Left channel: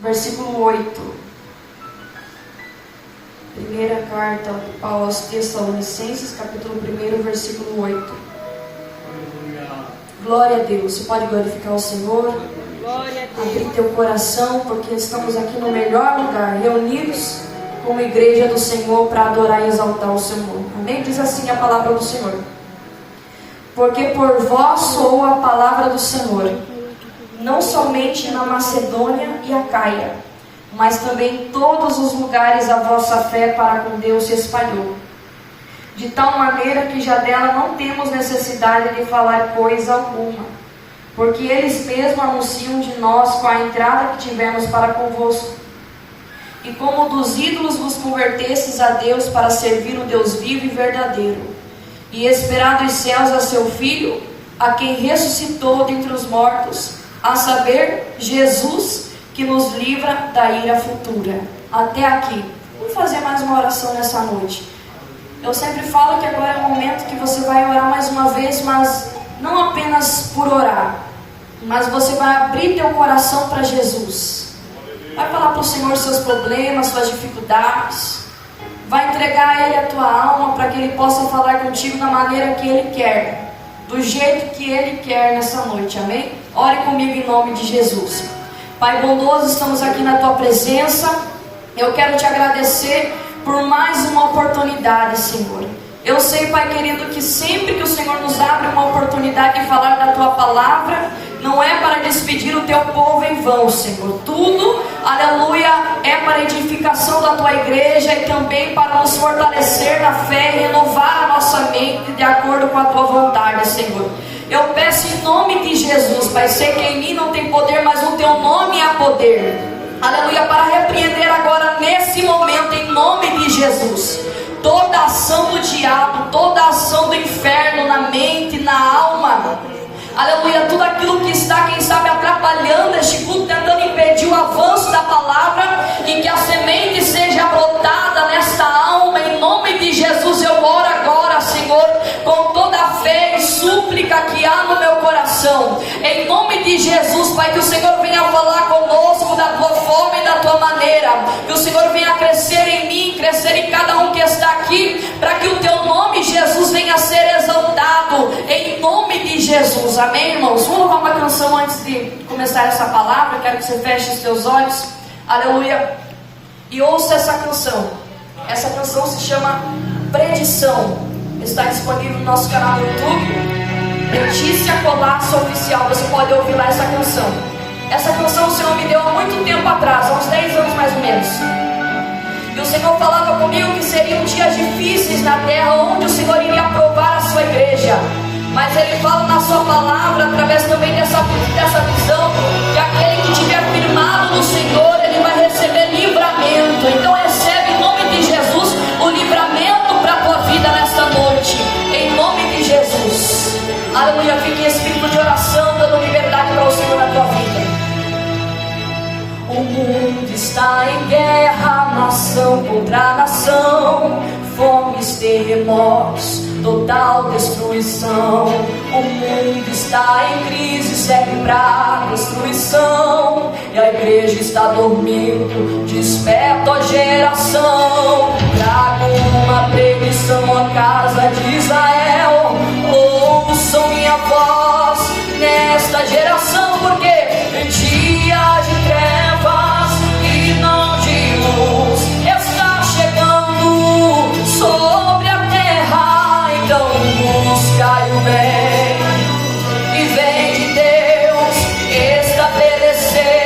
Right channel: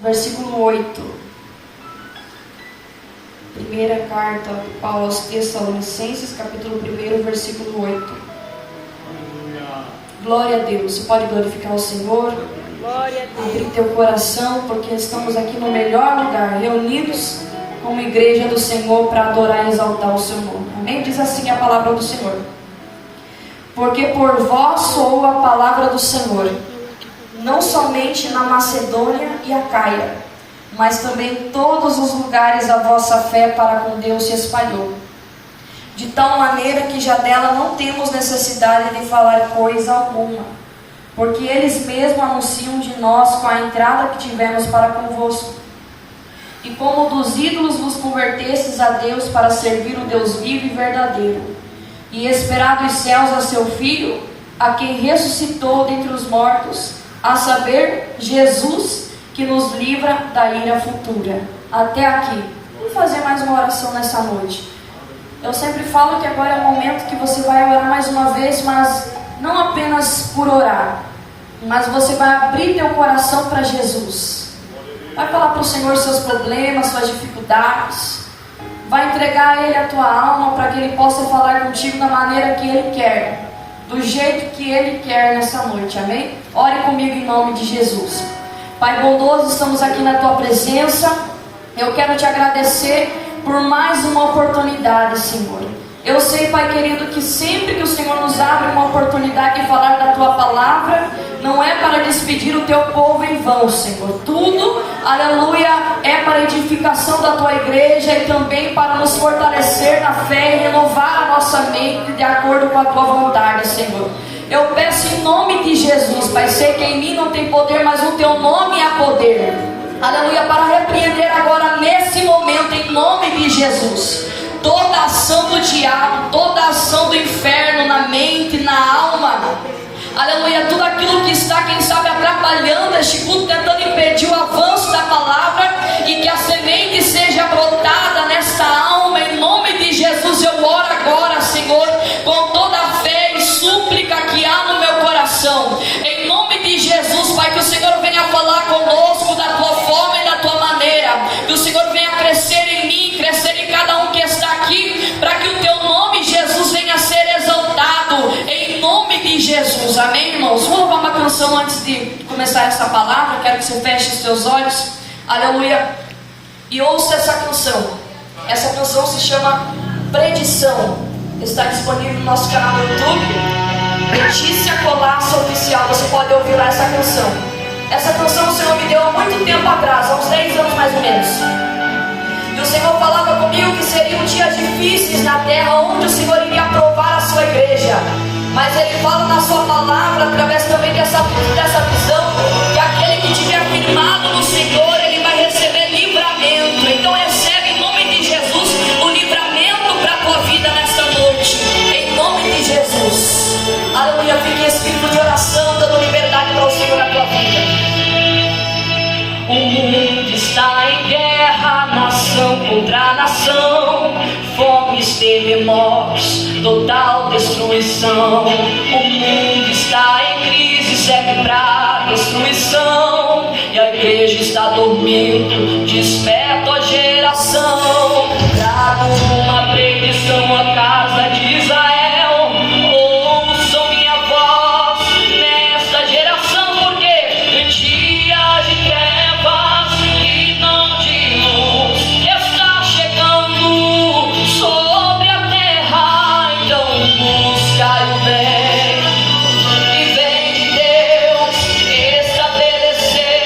versículo 8. Primeira carta de Paulo aos Tessalonicenses, capítulo 1, versículo 8. Glória a Deus. Você pode glorificar o Senhor? Glória a Deus. Abrir teu coração, porque estamos aqui no melhor lugar, reunidos como igreja do Senhor para adorar e exaltar o seu nome. Amém? Diz assim a palavra do Senhor: porque por vós soou a palavra do Senhor, não somente na Macedônia e Acaia, mas também em todos os lugares a vossa fé para com Deus se espalhou, de tal maneira que já dela não temos necessidade de falar coisa alguma, porque eles mesmos anunciam de nós com a entrada que tivemos para convosco. E como dos ídolos vos convertestes a Deus para servir o Deus vivo e verdadeiro, e esperar dos céus a seu Filho, a quem ressuscitou dentre os mortos, a saber, Jesus, que nos livra da ira futura. Até aqui. Vamos fazer mais uma oração nessa noite. Eu sempre falo que agora é o momento que você vai orar mais uma vez, mas não apenas por orar, mas você vai abrir teu coração para Jesus. Vai falar para o Senhor seus problemas, suas dificuldades. Vai entregar a Ele a tua alma para que Ele possa falar contigo da maneira que Ele quer, do jeito que Ele quer nessa noite, amém? Ore comigo em nome de Jesus. Pai bondoso, estamos aqui na tua presença. Eu quero te agradecer por mais uma oportunidade, Senhor. Eu sei, Pai querido, que sempre que o Senhor nos abre uma oportunidade de falar da tua palavra, não é para despedir o teu povo em vão, Senhor. Tudo, aleluia, é para edificação da tua igreja e também para nos fortalecer na fé e renovar a nossa mente de acordo com a tua vontade, Senhor. Eu peço em nome de Jesus, Pai, sei que em mim não tem poder, mas o teu nome há poder. Aleluia, para repreender agora nesse momento, em nome de Jesus, toda ação do diabo, toda ação do inferno na mente, na alma. Aleluia, tudo aquilo que está, quem sabe, atrapalhando este culto, tentando impedir o avanço da palavra, e que a semente seja brotada nesta alma, em nome de Jesus. Eu oro agora, Senhor, com toda a fé e súplica que há no meu coração, em nome de Jesus, Pai, que o Senhor venha falar conosco da tua forma e da tua maneira, que o Senhor venha crescer em mim, crescer em cada um que está aqui, para que o teu nome, Jesus, venha a ser exaltado, em nome de Jesus. Amém, irmãos? Vamos louvar uma canção antes de começar essa palavra. Quero que você feche os seus olhos, aleluia, e ouça essa canção. Essa canção se chama Predição. Está disponível no nosso canal no YouTube, Letícia Colasso Oficial. Você pode ouvir lá essa canção. Essa canção o Senhor me deu há muito tempo atrás, há uns 10 anos mais ou menos. E o Senhor falava comigo que seriam dias difíceis na terra, onde o Senhor iria provar a sua igreja. Mas Ele fala na sua palavra, através também dessa visão, que aquele que estiver firmado no Senhor, ele vai receber livramento. Então recebe em nome de Jesus o livramento para a tua vida nesta noite, em nome de Jesus. Aleluia, fique em espírito de oração, dando liberdade para o Senhor na tua vida. O mundo está em guerra, nação contra nação, fomes, terremotos, total destruição. O mundo está em crise, segue para destruição, e a igreja está dormindo. Desperta a geração, trago uma predição à casa de Israel. Ouçam minha voz nesta geração, porque dias de trevas e não de luz está chegando sobre a terra. Então buscai o bem e vem de Deus estabelecer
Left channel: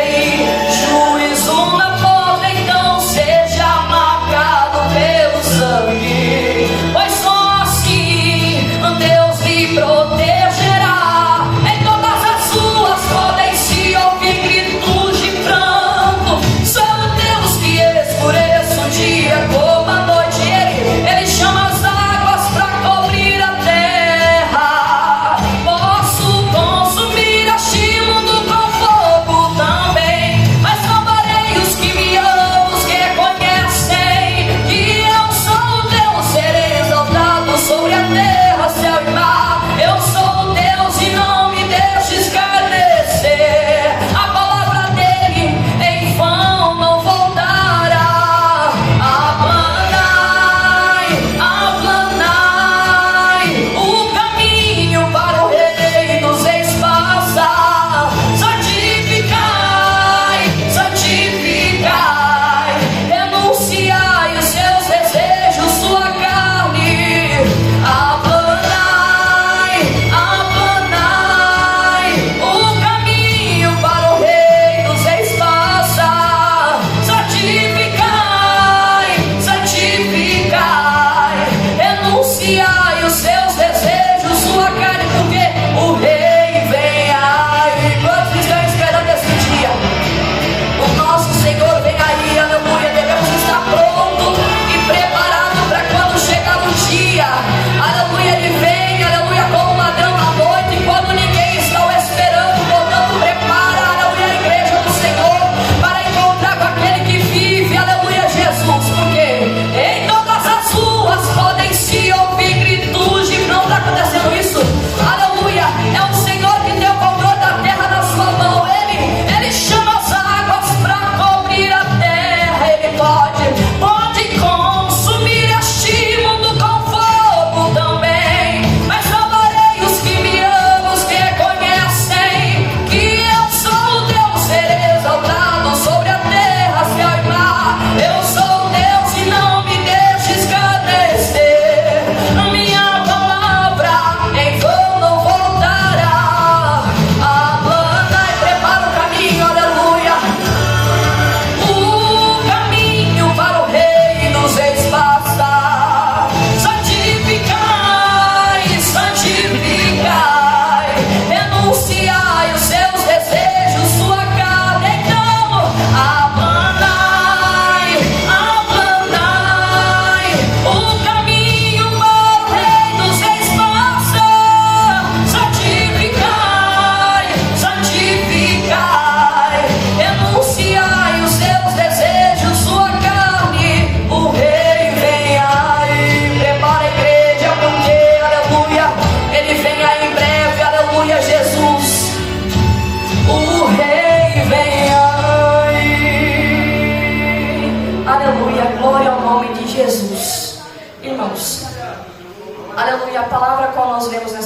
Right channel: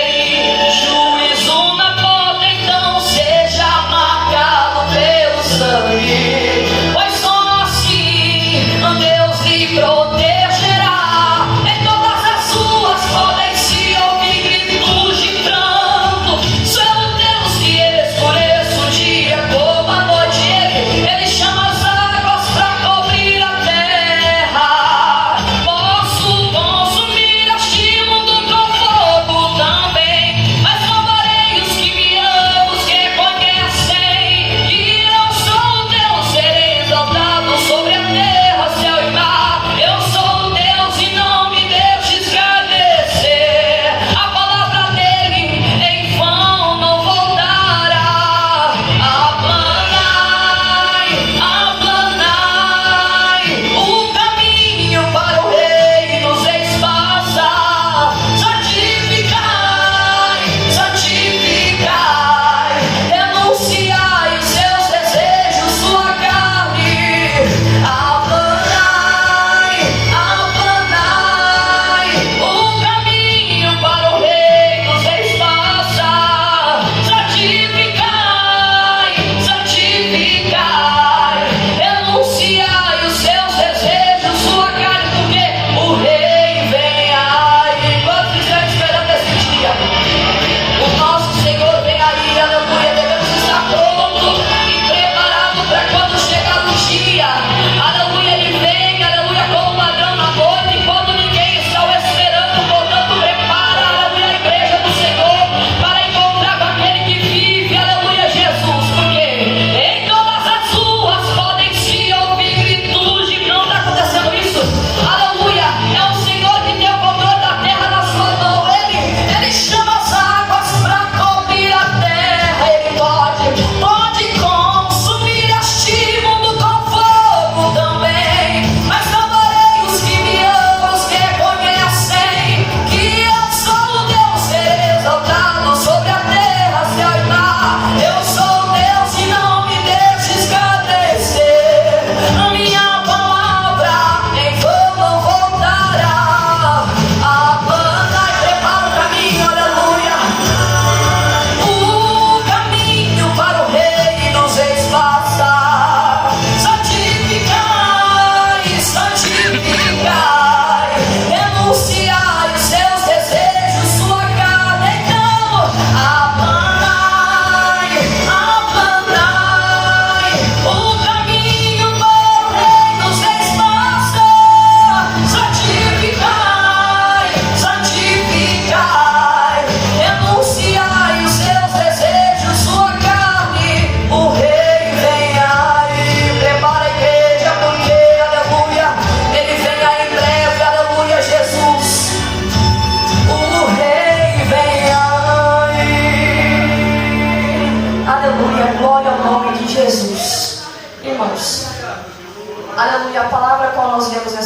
juízo na porta. Então seja marcado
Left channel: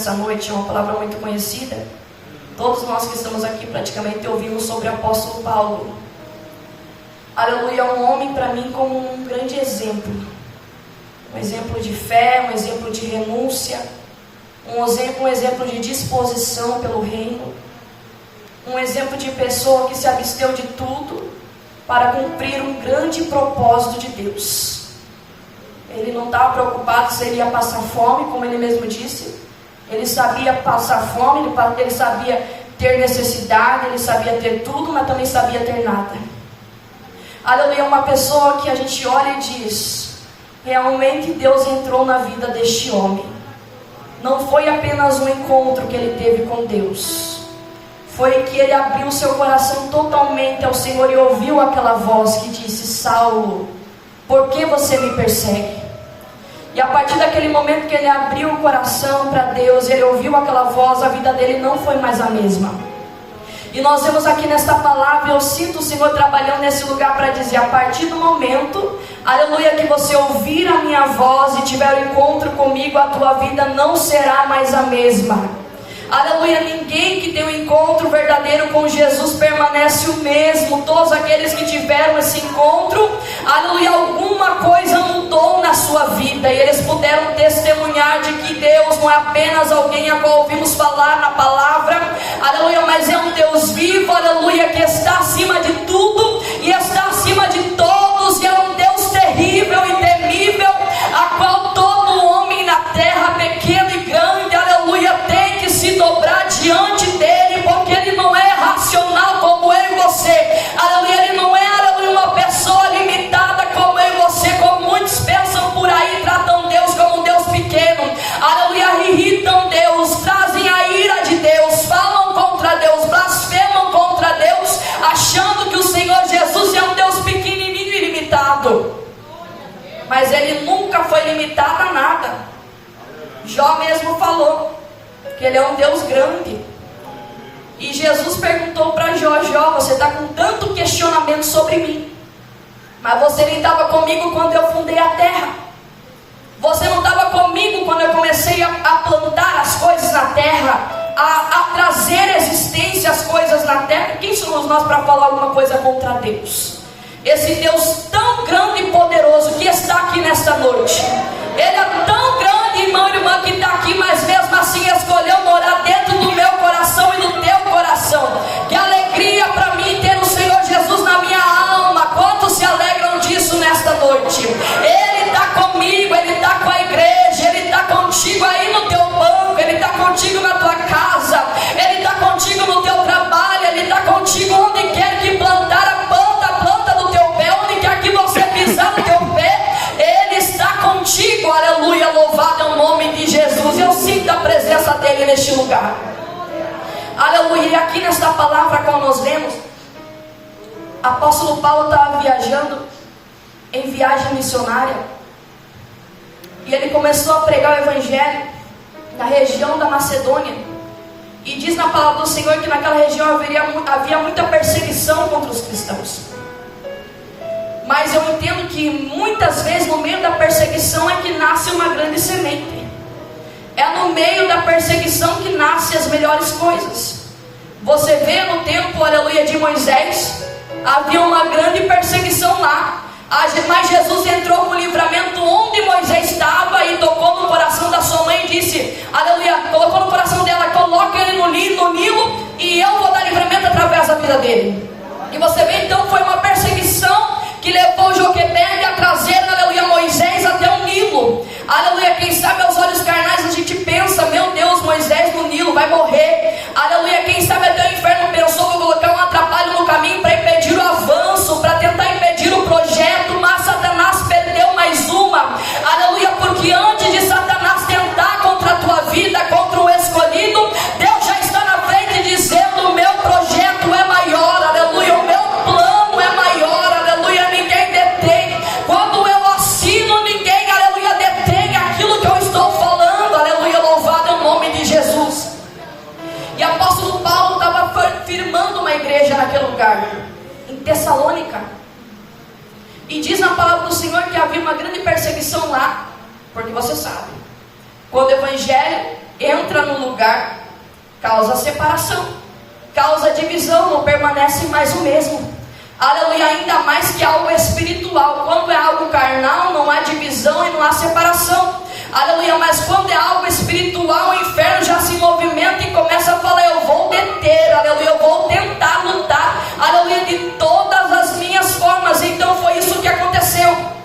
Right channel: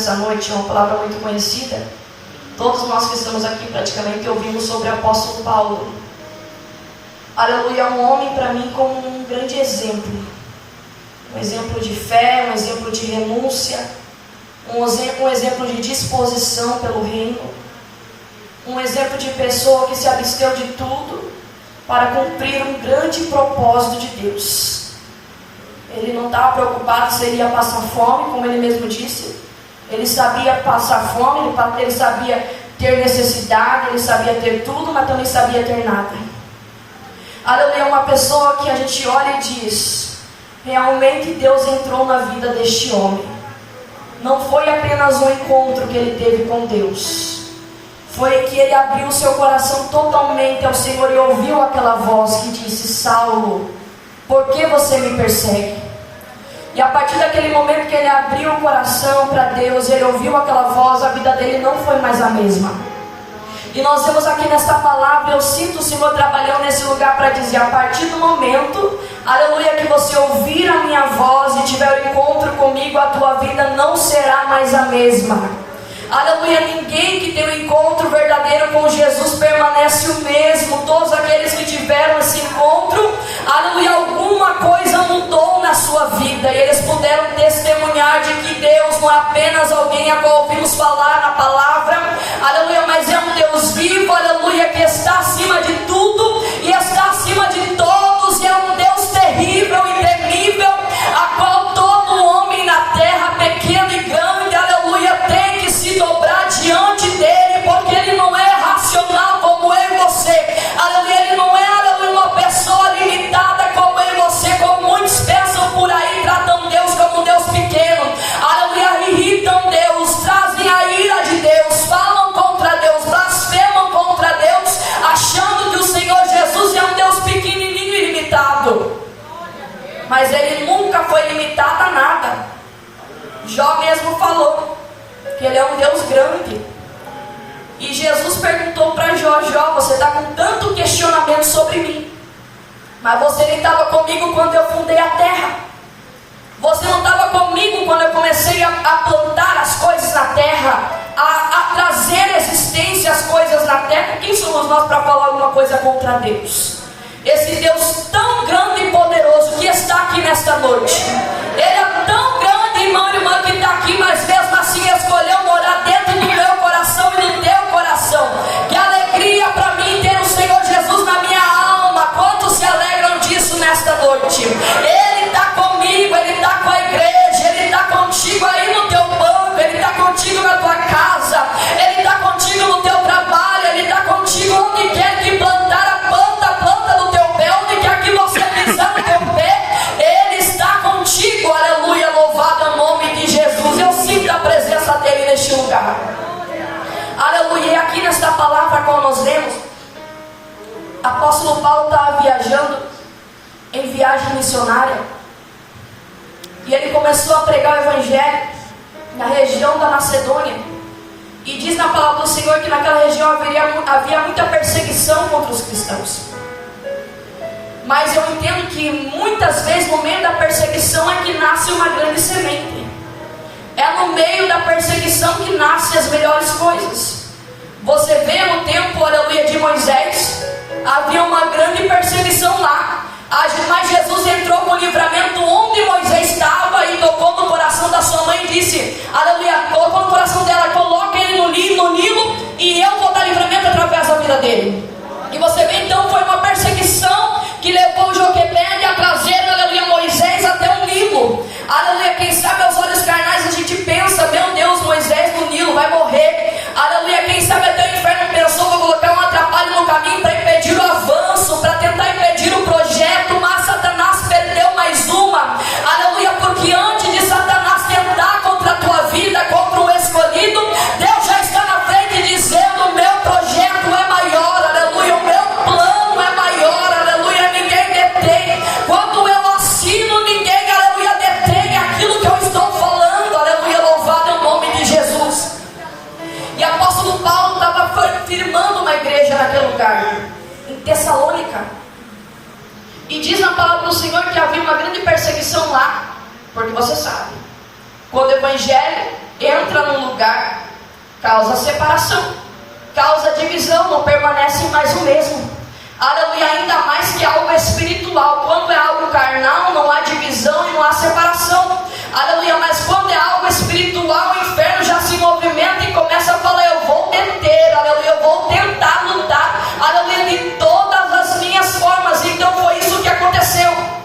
nessa noite, é uma palavra muito conhecida. Todos nós que estamos aqui praticamente ouvimos sobre o apóstolo Paulo. Aleluia, é um homem para mim como um grande exemplo. Um exemplo de fé, um exemplo de renúncia, um exemplo de disposição pelo reino. Um exemplo de pessoa que se absteu de tudo para cumprir um grande propósito de Deus. Ele não estava preocupado se ele ia passar fome, como ele mesmo disse. Ele sabia passar fome, ele sabia ter necessidade, ele sabia ter tudo, mas também sabia ter nada. Aleluia, uma pessoa que a gente olha e diz, realmente Deus entrou na vida deste homem. Não foi apenas um encontro que ele teve com Deus. Foi que ele abriu seu coração totalmente ao Senhor e ouviu aquela voz que disse, Saulo, por que você me persegue? E a partir daquele momento que ele abriu o coração para Deus, ele ouviu aquela voz, a vida dele não foi mais a mesma. E nós vemos aqui nesta palavra, eu sinto o Senhor trabalhando nesse lugar para dizer, a partir do momento, aleluia, que você ouvir a minha voz e tiver um encontro comigo, a tua vida não será mais a mesma. Aleluia, ninguém que tem um encontro verdadeiro com Jesus permanece o mesmo. Todos aqueles que tiveram esse encontro, aleluia, alguma coisa mudou na sua vida. E eles puderam testemunhar de que Deus não é apenas alguém a qual ouvimos falar na palavra, aleluia, mas é um Deus vivo, aleluia, que está acima de tudo e está acima de todos. E é um Deus terrível e temível, a qual todo homem na terra, pequeno e grande, aleluia, tem que se dobrar diante dele, porque ele não é racional como eu e você, aleluia, ele não é, aleluia, uma pessoa limitada como eu e você, como muitos pensam por aí, tratam Deus como um Deus pequeno, aleluia, irritam Deus, trazem a ira de Deus, falam contra Deus, blasfemam contra Deus, achando que o Senhor Jesus é um Deus pequenininho e limitado, mas ele nunca foi limitado a nada. Jó mesmo falou que ele é um Deus grande. E Jesus perguntou para Jó, Jó, você está com tanto questionamento sobre mim, mas você não estava comigo quando eu fundei a terra. Você não estava comigo quando eu comecei a plantar as coisas na terra, a trazer existência às coisas na terra. Quem somos nós para falar alguma coisa contra Deus? Esse Deus tão grande e poderoso que está aqui nesta noite. Ele é tão grande, irmão e irmã, que está aqui, mas mesmo assim escolheu morar dentro do meu coração e do teu coração. Que alegria para mim ter o Senhor Jesus na minha alma. Quantos se alegram disso nesta noite? Ele está comigo, Ele está com a igreja, Ele está contigo aí no teu banco, Ele está contigo na tua casa, Ele está contigo no teu trabalho, Ele está contigo onde quer que plantar a planta do teu pé, onde quer que você pisar no teu pé, Ele está contigo, aleluia, louvado é o nome de Jesus. Eu sinto a presença dele neste lugar, aleluia. E aqui nesta palavra qual nós vemos, apóstolo Paulo estava viajando em viagem missionária, e ele começou a pregar o evangelho na região da Macedônia, e diz na palavra do Senhor que naquela região havia muita perseguição contra os cristãos. Mas eu entendo que muitas vezes no meio da perseguição é que nasce uma grande semente. É no meio da perseguição que nascem as melhores coisas. Você vê no tempo, aleluia, de Moisés, havia uma grande perseguição lá. Mas Jesus entrou com o livramento onde Moisés estava e tocou no coração da sua mãe e disse, aleluia, colocou no coração dela, coloque ele no Nilo e eu vou dar livramento através da vida dele. E você vê então, foi uma perseguição que levou Joquebede a trazer, aleluia, Moisés até o Nilo. Aleluia, quem sabe aos olhos carnais a gente pensa, meu Deus, Moisés no Nilo vai morrer. Aleluia, quem sabe até o inferno pensou, vou colocar um atrapalho no caminho para impedir o avanço, para tentar impedir o projeto, mas Satanás perdeu mais uma. Aleluia, porque antes de Satanás tentar contra a tua vida, contra o escolhido, Deus já está na frente dizendo, o meu projeto é maior, aleluia, o meu plano é maior, aleluia, ninguém detém. Quando eu assino, ninguém, aleluia, detém aquilo que eu estou falando, aleluia, louvado é o nome de Jesus. E o apóstolo Paulo estava firmando uma igreja naquele lugar, em Tessalônica. E diz na palavra do Senhor que havia uma grande perseguição lá, porque você sabe, quando o evangelho entra num lugar, causa separação, causa divisão, não permanece mais o mesmo. Aleluia, ainda mais que algo espiritual. Quando é algo carnal, não há divisão e não há separação. Aleluia, mas quando é algo espiritual, o inferno já se movimenta e começa a falar: eu vou deter, aleluia, eu vou tentar lutar, aleluia, de todas as minhas formas. Então foi isso que aconteceu.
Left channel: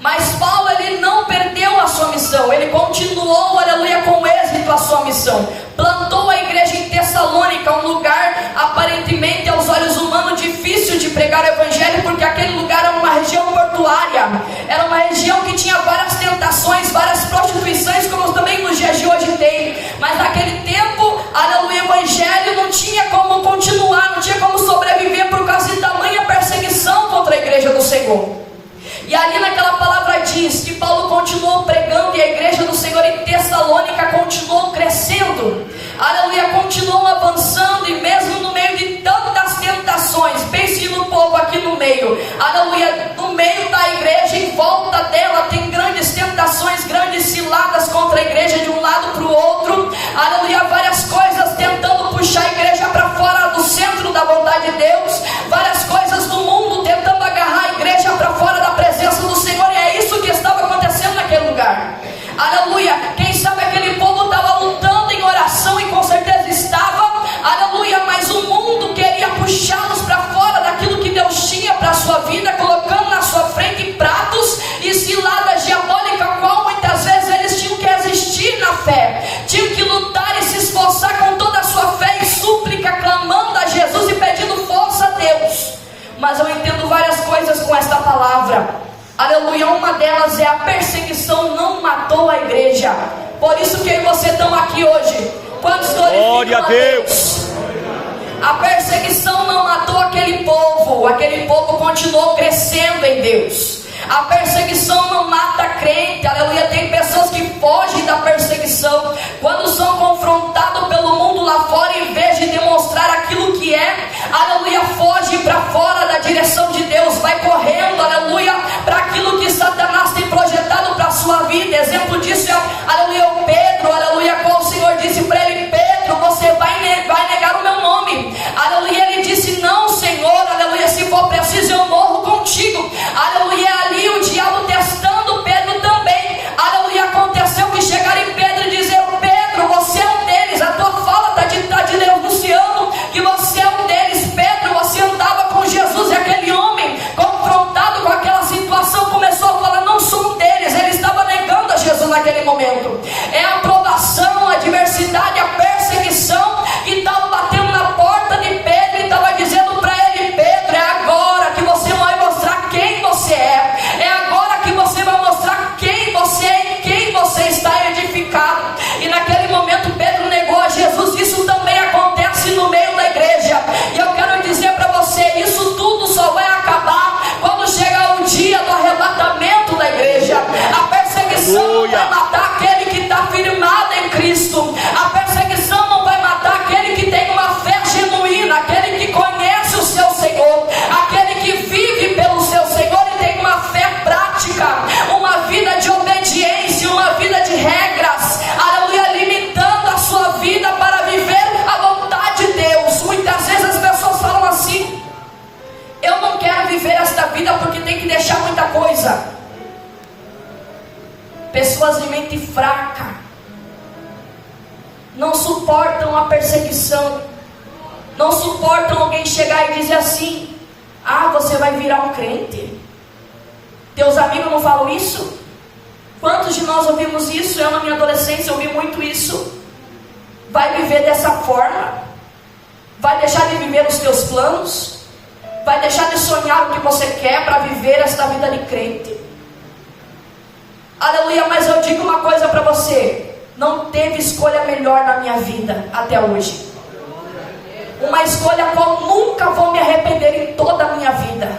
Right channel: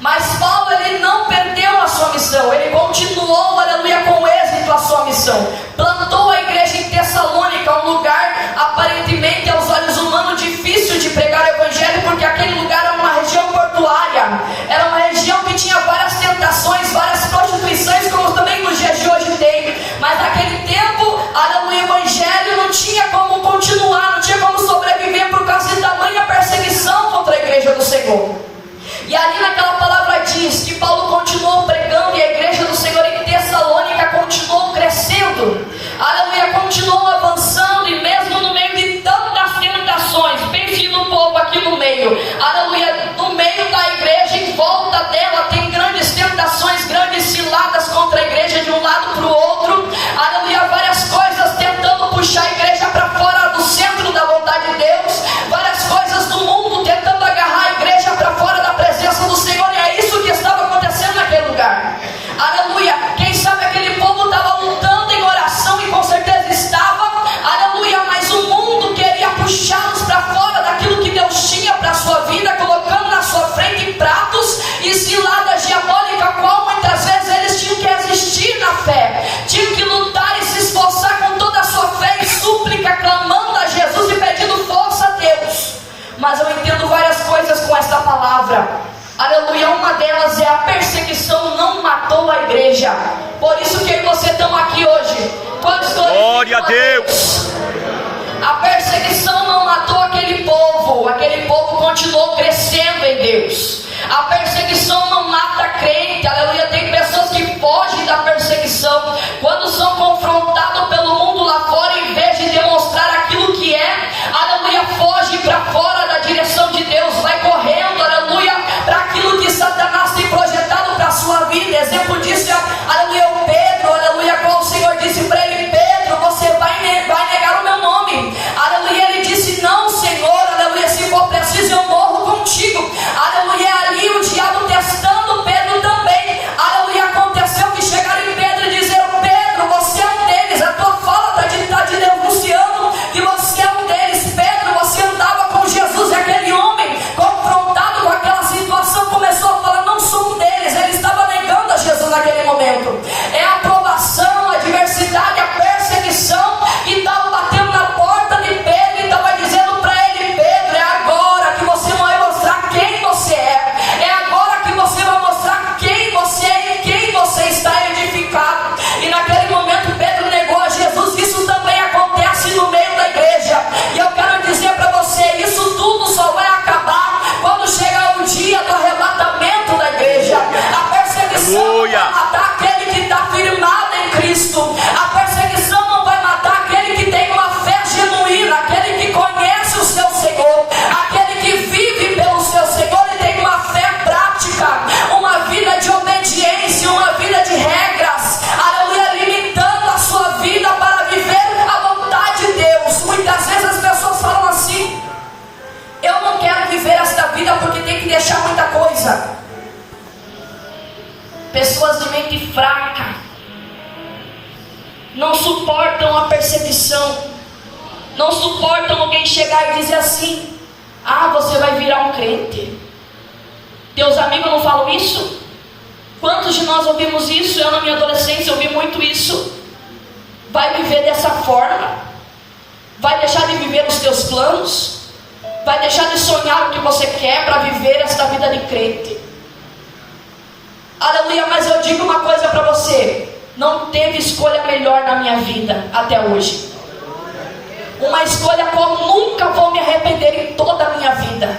Mas Paulo, ele não perdeu a sua missão, ele continuou, aleluia, com êxito a sua missão. Plantou a igreja em Tessalônica, um lugar aparentemente aos olhos humanos difícil de pregar o evangelho, porque aquele lugar era uma região portuária, era uma região que tinha várias tentações, várias prostituições, como também nos dias de hoje tem. Mas naquele tempo, aleluia, o evangelho não tinha como continuar, não tinha como sobreviver por causa de tamanha perseguição contra a igreja do Senhor. E ali naquela palavra diz que Paulo continuou pregando e a igreja do Senhor em Tessalônica continuou crescendo, aleluia, continuou avançando, e mesmo no meio de tantas tentações, pense no povo aqui no meio, aleluia, no meio da igreja, em volta dela tem grandes tentações, grandes ciladas contra a igreja de um lado para o outro, aleluia, várias coisas tentando puxar a igreja para fora do centro da vontade de Deus, várias coisas do mundo tentando agarrar a igreja para fora da presença do Senhor, e é isso que estava acontecendo naquele lugar. Aleluia, quem sabe aquele povo estava lutando em oração, e com certeza estava, aleluia, mas o mundo queria puxá-los para fora daquilo que Deus tinha para a sua vida, colocando na sua frente pratos e ciladas diabólicas, a qual muitas vezes eles tinham que resistir na fé, tinham que lutar e se esforçar com toda a sua fé e súplica, clamando a Jesus e pedindo força a Deus. Mas eu entendo várias coisas com esta palavra, aleluia. Uma delas é: a perseguição não matou a igreja. Por isso que você estão aqui hoje. Quantos glória a Deus? A perseguição não matou aquele povo continuou crescendo em Deus. A perseguição não mata crente, aleluia. Tem pessoas que fogem da perseguição quando são confrontados pelo mundo lá fora, em vez de demonstrar aquilo que é, aleluia, foge para fora da direção de Deus, vai correndo, aleluia, para aquilo que Satanás tem projetado para a sua vida. Exemplo disso é, aleluia, o Pedro, aleluia, qual o Senhor disse para ele: Pedro, você vai negar o meu nome, aleluia. Ele disse: não, Senhor, aleluia, se for preciso eu morro contigo, aleluia. Ali o diabo testando Pedro também, aleluia. Aconteceu que chegaram em Pedro e dizer: Pedro, você é um deles, a tua fala está te denunciando que você é um deles. Pedro, você andava com Jesus. E aquele homem, confrontado com aquela situação, começou a falar: não sou um deles. Ele estava negando a Jesus naquele momento. É a provação, a adversidade, a perseguição que estava batendo na porta de Pedro e estava dizendo para ele: Pedro, é agora que você vai mostrar quem você é. É agora que você vai mostrar quem você é e quem você está edificado. E naquele momento Pedro negou a Jesus. Isso também acontece no meio da igreja. E eu quero dizer para você: isso tudo só vai acabar quando chegar o dia do arrebatamento da igreja. A perseguição não vai matar aquele que está firmado em Cristo. A perseguição não vai matar aquele que tem uma fé genuína, aquele que conhece o seu Senhor, aquele que vive pelo seu Senhor e tem uma fé prática, uma vida de obediência, uma vida de regras, aleluia, limitando a sua vida para viver a vontade de Deus. Muitas vezes as pessoas falam assim: eu não quero viver esta vida porque tem que deixar muita coisa. Pessoas de mente fraca não suportam a perseguição, não suportam alguém chegar e dizer assim: ah, você vai virar um crente. Teus amigos não falam isso? Quantos de nós ouvimos isso? Eu na minha adolescência ouvi muito isso. Vai viver dessa forma? Vai deixar de viver os teus planos? Vai deixar de sonhar o que você quer para viver esta vida de crente? Aleluia, mas eu digo uma coisa para você: não teve escolha melhor na minha vida até hoje. Uma escolha a qual nunca vou me arrepender em toda a minha vida.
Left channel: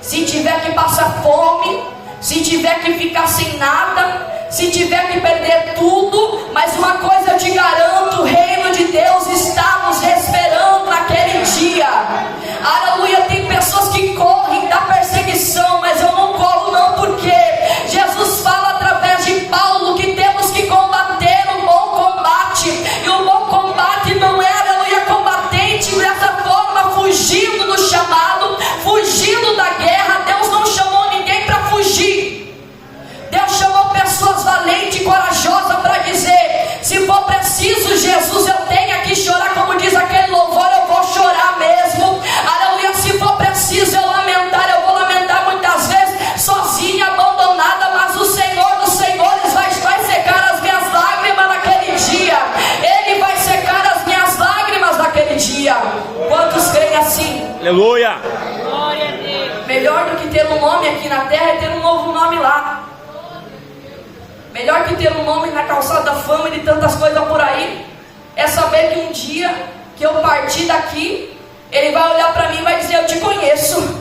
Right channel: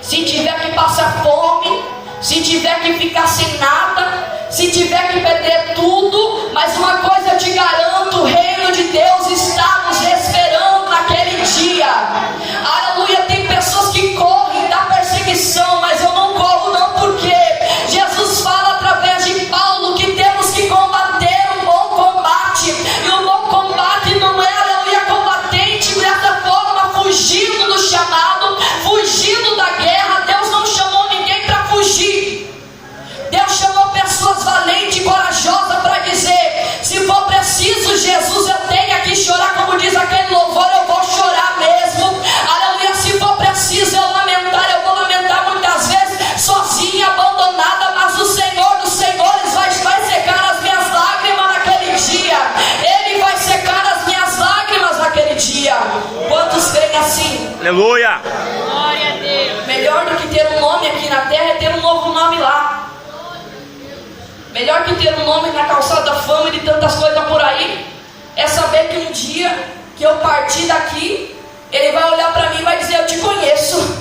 Se tiver que passar fome, se tiver que ficar sem nada, se tiver que perder tudo, mas uma coisa eu te garanto: o reino de Deus está nos esperando naquele dia. Aleluia, tem pessoas que correm da perseguição, mas eu não corro não, porque Jesus fala através de Paulo que temos que combater o bom Aleluia. Melhor do que ter um nome aqui na terra é ter um novo nome lá. Melhor que ter um nome na calçada da fama e de tantas coisas por aí é saber que um dia que eu partir daqui, Ele vai olhar para mim e vai dizer: eu te conheço.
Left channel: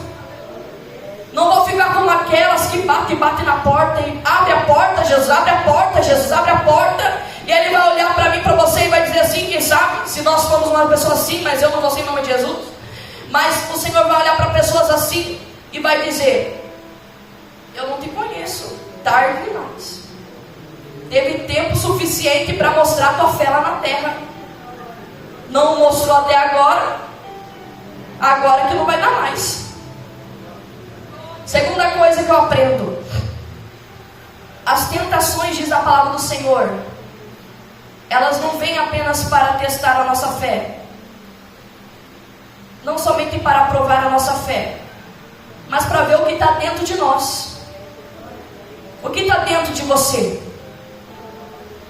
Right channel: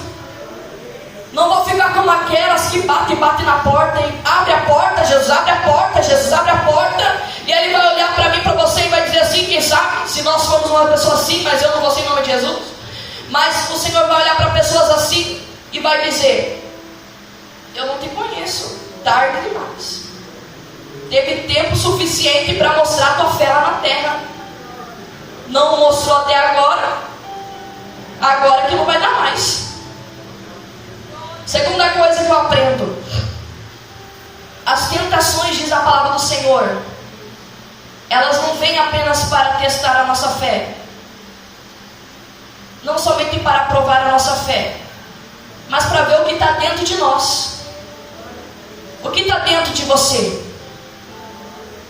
Não vou ficar como aquelas que bate na porta e abre a porta, Jesus abre a porta, Jesus abre a porta. E Ele vai olhar para mim e para você e vai dizer assim, quem sabe, se nós formos uma pessoa assim, mas eu não vou ser em nome de Jesus. Mas o Senhor vai olhar para pessoas assim e vai dizer: eu não te conheço, tarde demais. Teve tempo suficiente para mostrar tua fé lá na terra. Não mostrou até agora. Agora que não vai dar mais. Segunda coisa que eu aprendo: as tentações, diz a palavra do Senhor, elas não vêm apenas para testar a nossa fé, não somente para provar a nossa fé, mas para ver o que está dentro de nós. O que está dentro de você?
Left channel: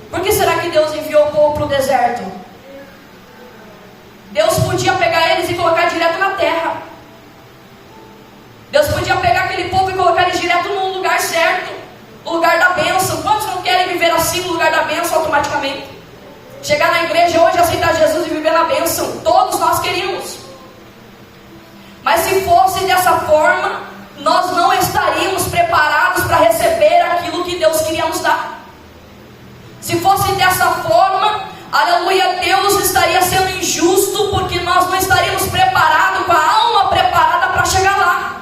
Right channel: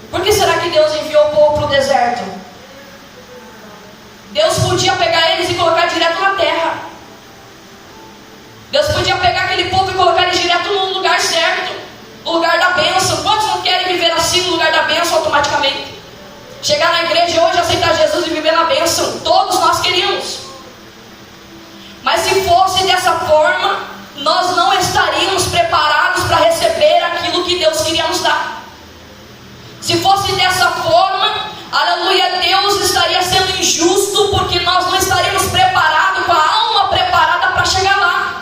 Por que será que Deus enviou o povo para o deserto? Deus podia pegar eles e colocar direto na terra. Deus podia pegar aquele povo e colocar eles direto no lugar certo, no lugar da bênção. Quantos não querem viver assim no lugar da bênção automaticamente? Chegar na igreja hoje, aceitar Jesus e viver na bênção. Todos nós queríamos. Mas se fosse dessa forma, nós não estaríamos preparados para receber aquilo que Deus queria nos dar. Se fosse dessa forma, aleluia, Deus estaria sendo injusto, porque nós não estaríamos preparados, com a alma preparada para chegar lá.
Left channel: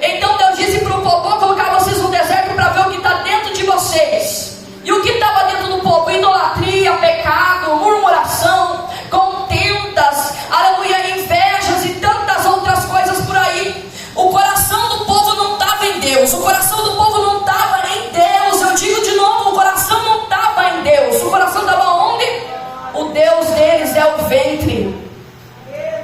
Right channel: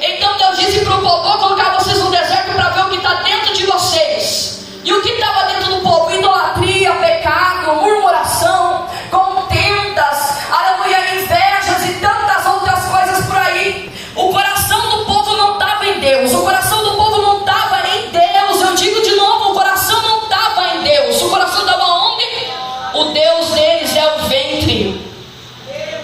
Então Deus disse para o povo: vou colocar vocês no deserto para ver o que está dentro de vocês. E o que estava dentro do povo? Idolatria, pecado, murmuração, contendas, aleluia, invejas e tantas outras coisas por aí. O coração do povo não estava em Deus. O coração do povo não estava em Deus. Eu digo de novo, o coração não estava em Deus. O coração estava onde? O Deus deles é o ventre.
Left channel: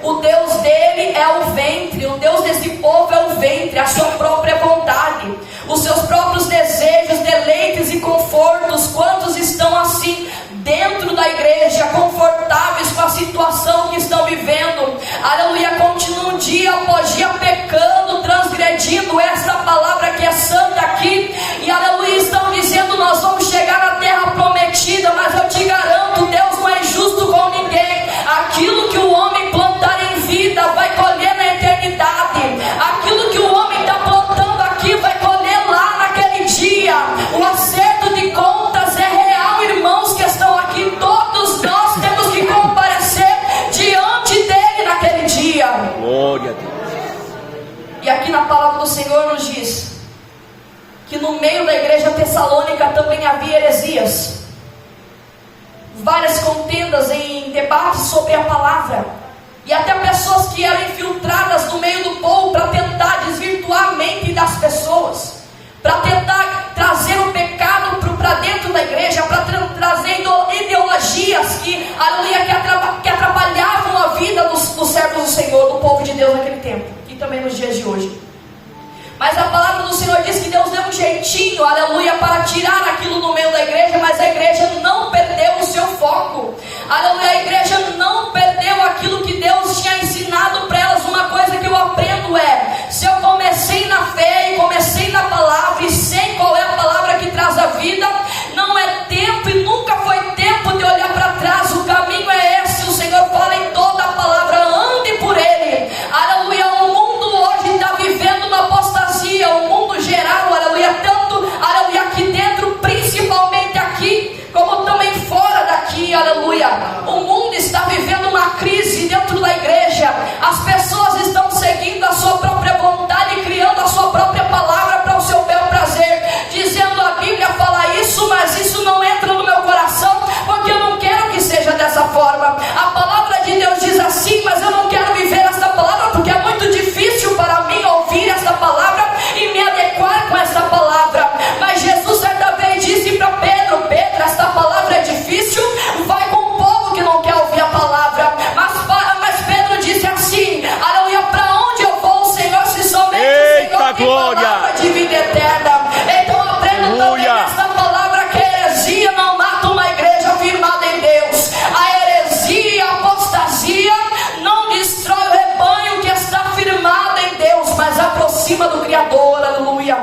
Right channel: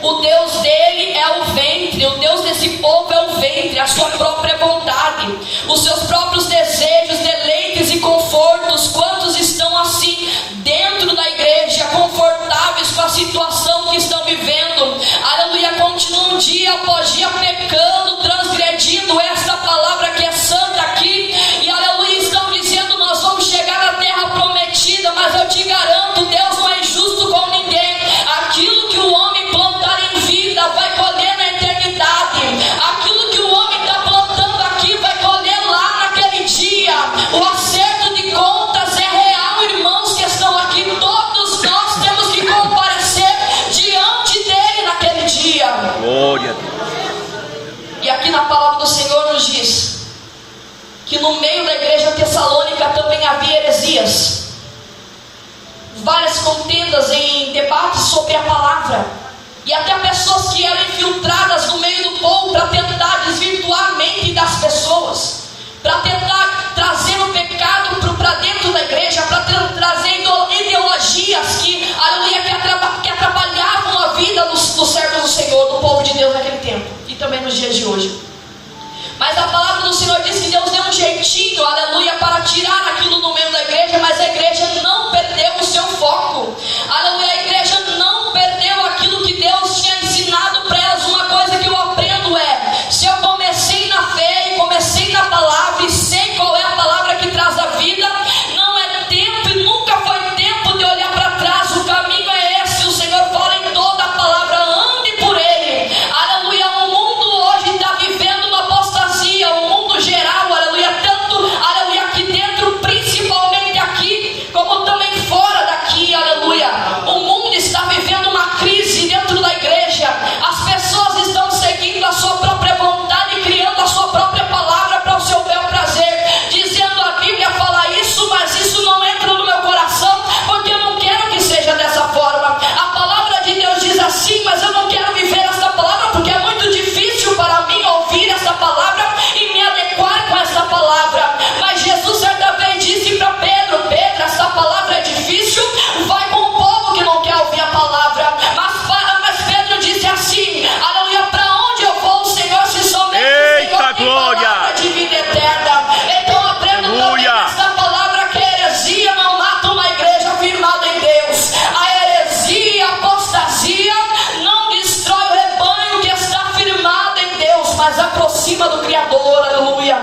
O Deus dele é o ventre. O Deus desse povo é o ventre, a sua própria vontade, os seus próprios desejos, deleites e confortos. Quantos estão assim dentro da igreja, confortáveis com a situação que estão vivendo? Aleluia, continuam dia após dia pecando, transgredindo esta palavra que é santa aqui. E aleluia, estão dizendo: nós vamos chegar na terra prometida. Mas eu te garanto, Deus não é injusto com ninguém. Aquilo que o homem plantar em vida vai colher na eternidade. Aquilo que o homem está plantando aqui vai colher lá naquele dia. O acerto de contas é real, irmãos que estão aqui. Todos nós temos que comparecer diante dele naquele dia. Glória a Deus. E aqui na palavra do Senhor nos diz que no meio da igreja tessalônica também havia heresias, várias contendas em debates sobre a palavra, e até pessoas que eram infiltradas no meio do povo para tentar desvirtuar a mente das pessoas, para tentar trazer o pecado para dentro da igreja, para trazer ideologias que, aleluia, que atrapalhavam a vida dos servos do Senhor, do povo de Deus naquele tempo e também nos dias de hoje. Mas a palavra do Senhor diz que Deus deu um jeitinho, aleluia, para tirar aquilo do meio da igreja. Mas a igreja não perdeu o seu foco, aleluia. A igreja não perdeu aquilo que Deus tinha ensinado para elas. Uma coisa que eu aprendo é: se eu comecei na fé e comecei na palavra e sei qual é a palavra que traz a vida, não é tempo e nunca foi tempo de olhar para trás. O caminho é esse. O Senhor fala em toda a palavra: ande por ele, aleluia. O mundo hoje está vivendo uma apostasia, o mundo geral, aleluia, tanto, aleluia, aqui dentro, principalmente aqui, como também fora daqui, aleluia. O mundo está vivendo uma crise dentro da igreja. As pessoas estão seguindo a sua própria vontade, criando a sua própria palavra para o seu bel prazer, dizendo: a Bíblia fala isso, mas isso não entra no meu coração, porque eu não quero que seja dessa forma. A palavra de Deus diz assim, mas eu não quero viver essa palavra, porque é muito difícil para mim ouvir essa palavra e me adequar com essa palavra. Mas Jesus certa vez disse para Pedro: Pedro, essa palavra é difícil, vai com o povo que não quer ouvir a palavra. Mas Pedro disse assim, aleluia: para onde eu vou, Senhor, se somente o Senhor tem palavra de vida eterna. Então aprendo também essa palavra, que a heresia não mata uma igreja firmada em Deus. A heresia, a apostasia não destrói o rebanho que está mas aproxima do Criador. Aleluia.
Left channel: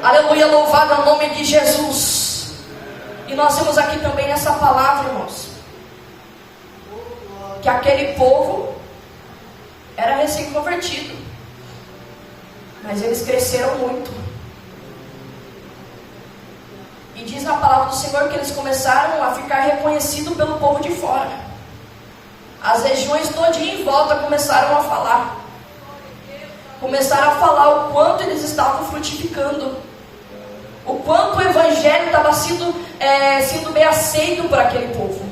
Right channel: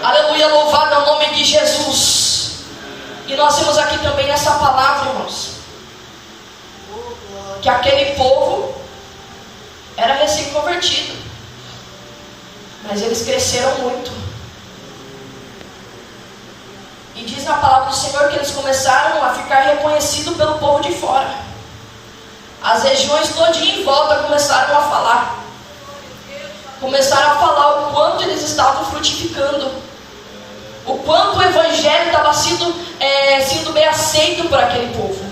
Aleluia, louvado é o nome de Jesus. E nós vemos aqui também nessa palavra, irmãos, que aquele povo era recém-convertido, mas eles cresceram muito. E diz na palavra do Senhor que eles começaram a ficar reconhecidos pelo povo de fora. As regiões todinha em volta começaram a falar. Começaram a falar o quanto eles estavam frutificando, o quanto o Evangelho estava sendo bem aceito por aquele povo.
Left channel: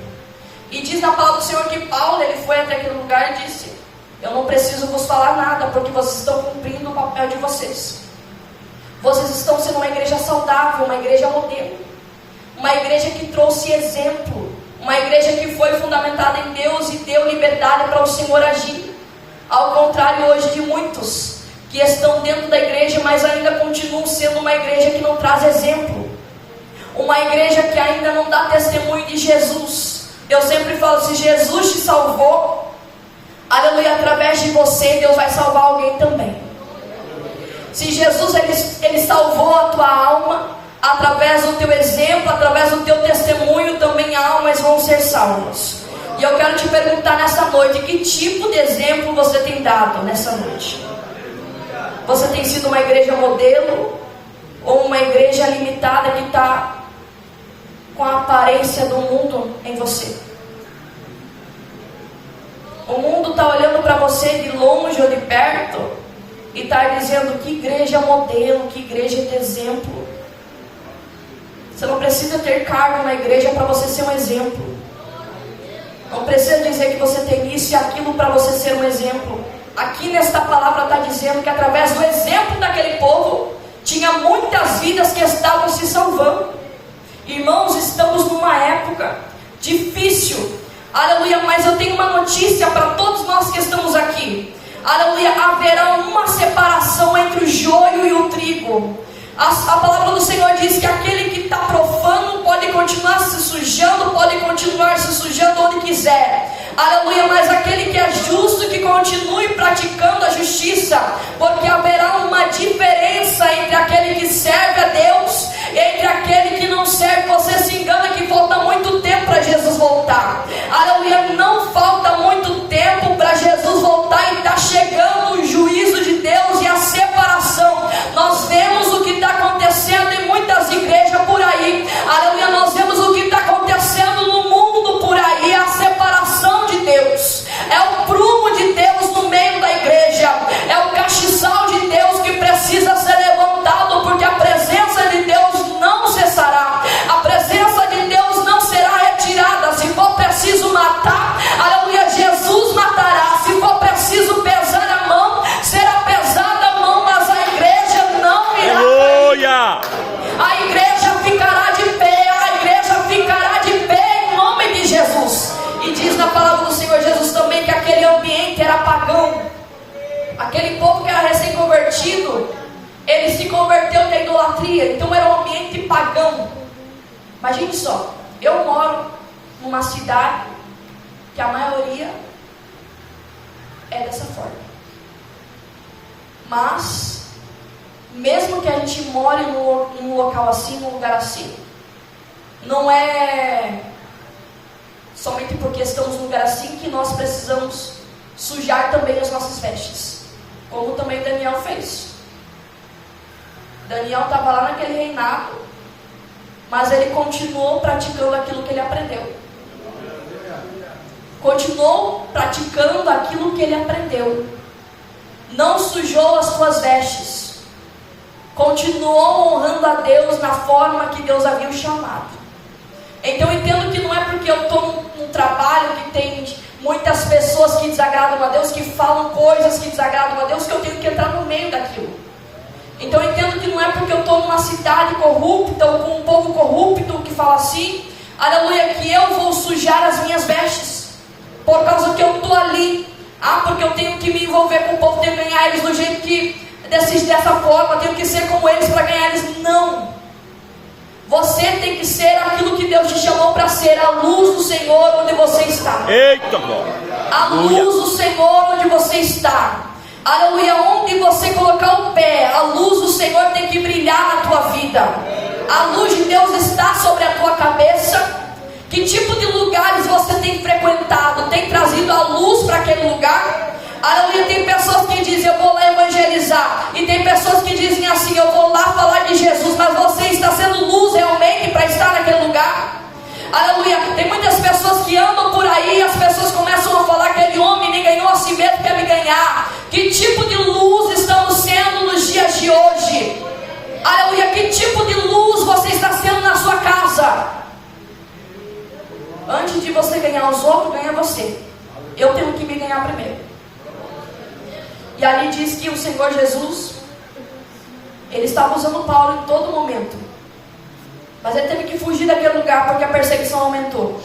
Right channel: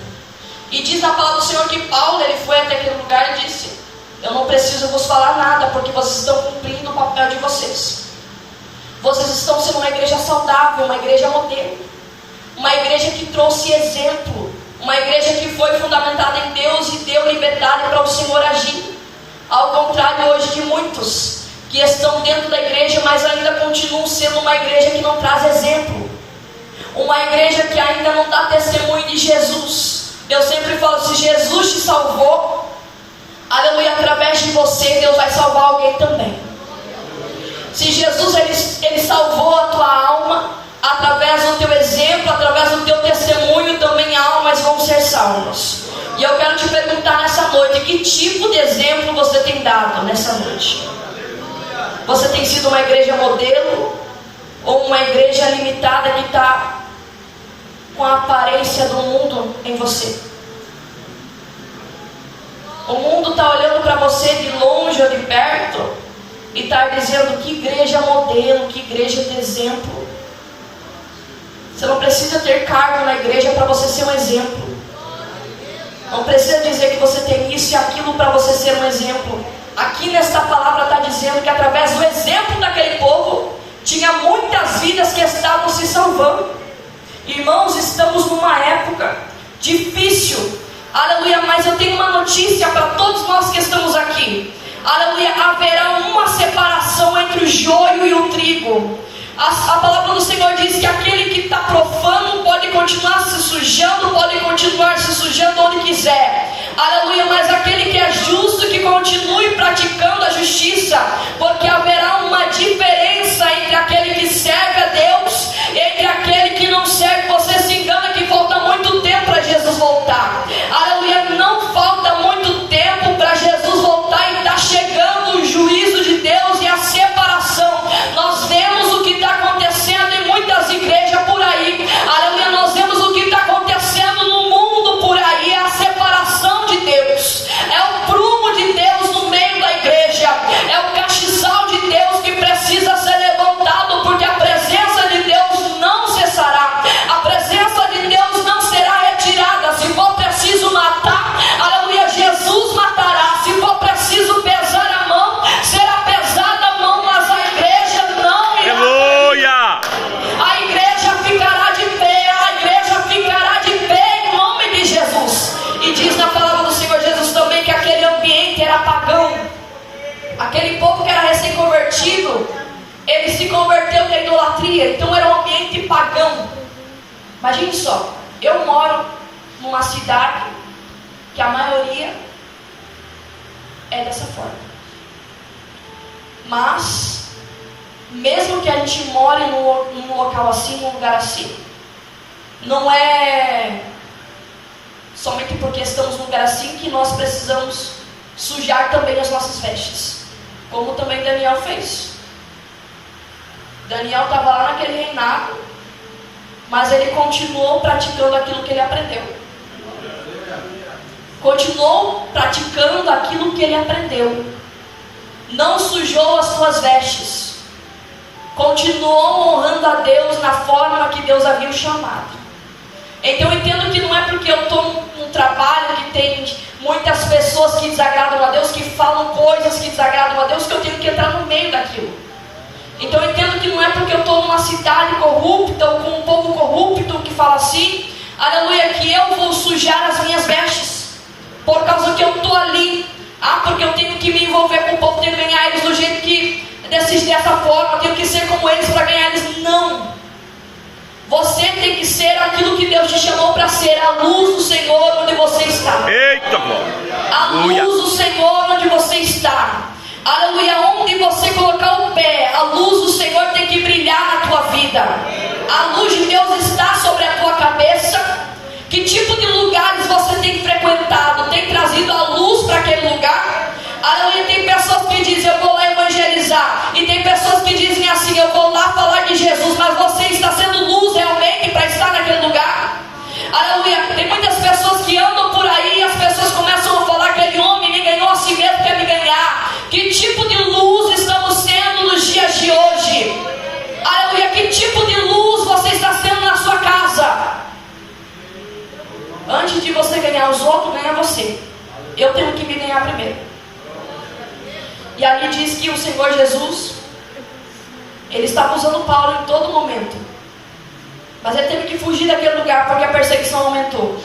E diz na palavra do Senhor que Paulo, ele foi até aquele lugar e disse: eu não preciso vos falar nada, porque vocês estão cumprindo o papel de vocês. Vocês estão sendo uma igreja saudável, uma igreja modelo, uma igreja que trouxe exemplo, uma igreja que foi fundamentada em Deus e deu liberdade para o Senhor agir. Ao contrário hoje de muitos que estão dentro da igreja, mas ainda continuam sendo uma igreja que não traz exemplo, uma igreja que ainda não dá testemunho de Jesus. Eu sempre falo, se Jesus te salvou, aleluia, através de você, Deus vai salvar alguém também. Se Jesus ele salvou a tua alma, através do teu exemplo, através do teu testemunho, também almas vão ser salvas. E eu quero te perguntar nessa noite, que tipo de exemplo você tem dado nessa noite? Você tem sido uma igreja modelo, ou uma igreja limitada que está com a aparência do mundo em você? O mundo está olhando para você de longe ou de perto e está dizendo: que igreja modelo, que igreja de exemplo. Você não precisa ter cargo na igreja para você ser um exemplo. Não precisa dizer que você tem isso e aquilo para você ser um exemplo. Aqui nesta palavra está dizendo que através do exemplo daquele povo, tinha muitas vidas que estavam se salvando. Irmãos, estamos numa época difícil, aleluia, mas eu tenho uma notícia para todos nós que estamos aqui. Aleluia, haverá uma separação entre o joio e o trigo. A palavra do Senhor diz que aquele que está profano pode continuar se sujando, pode continuar se sujando onde quiser. Aleluia, mas aquele que é justo, que continue praticando a justiça, porque haverá uma diferença entre aquele que serve a Deus, entre aquele que não serve. Você se engana que falta muito tempo para Jesus voltar. Aleluia, não falta muito tempo para Jesus voltar, e está chegando o juízo de Deus e a separação. Nós vemos o que está acontecendo em muitas igrejas por aí. Aleluia, nós vemos o que está acontecendo no mundo por aí, a separação de Deus. É o prumo de Deus no meio da igreja, é o castiçal de Deus que precisa ser levantado, porque a presença de Deus não cessará, a presença de Deus não será retirada. Se for preciso matar, aleluia, Jesus matará. Se for preciso pesar a mão, será pesada a mão, mas a igreja não irá. Aleluia! A igreja ficará de pé, a igreja ficará de pé em nome de Jesus. E diz na palavra do Senhor Jesus também que aquele ambiente era pagão. Aquele povo que era recém-convertido, ele se converteu da idolatria, então era um ambiente pagão. Imagine só, eu moro numa cidade que a maioria é dessa forma. Mas, mesmo que a gente more num local assim, num lugar assim, não é somente porque estamos num lugar assim que nós precisamos sujar também as nossas vestes, como também Daniel fez. Daniel estava lá naquele reinado, mas ele continuou praticando aquilo que ele aprendeu. Continuou praticando aquilo que ele aprendeu. Não sujou as suas vestes. Continuou honrando a Deus na forma que Deus havia o chamado. Então eu entendo que não é porque eu estou num trabalho que tem muitas pessoas que desagradam a Deus, que falam coisas que desagradam a Deus, que eu tenho que entrar no meio daquilo. Então eu entendo que não é porque eu estou numa cidade corrupta ou com um povo corrupto que fala assim, aleluia, que eu vou sujar as minhas vestes, por causa que eu estou ali. Porque eu tenho que me envolver com o povo, tenho que ganhar eles do jeito que, dessa forma, eu tenho que ser como eles para ganhar eles. Não. Você tem que ser aquilo que Deus te chamou para ser, a luz do Senhor onde você está. Eita glória! A luz do Senhor onde você está. Aleluia, onde você colocar o pé, a luz do Senhor tem que brilhar na tua vida. A luz de Deus está sobre a tua cabeça. Que tipo de lugares você tem frequentado? Tem trazido a luz para aquele lugar? Aleluia, tem pessoas que dizem, eu vou lá evangelizar. E tem pessoas que dizem assim, eu vou lá falar de Jesus. Mas você está sendo luz realmente para estar naquele lugar? Aleluia, tem muitas pessoas que andam por aí e as pessoas começam a falar que aquele homem me ganhou a si mesmo, quer me ganhar. Que tipo de luz estamos sendo nos dias de hoje? Aleluia, que tipo de luz você está sendo na sua casa? Antes de você ganhar os outros, ganha você. Eu tenho que me ganhar primeiro. E ali diz que o Senhor Jesus, ele estava usando Paulo em todo momento. Mas ele teve que fugir daquele lugar porque a perseguição aumentou.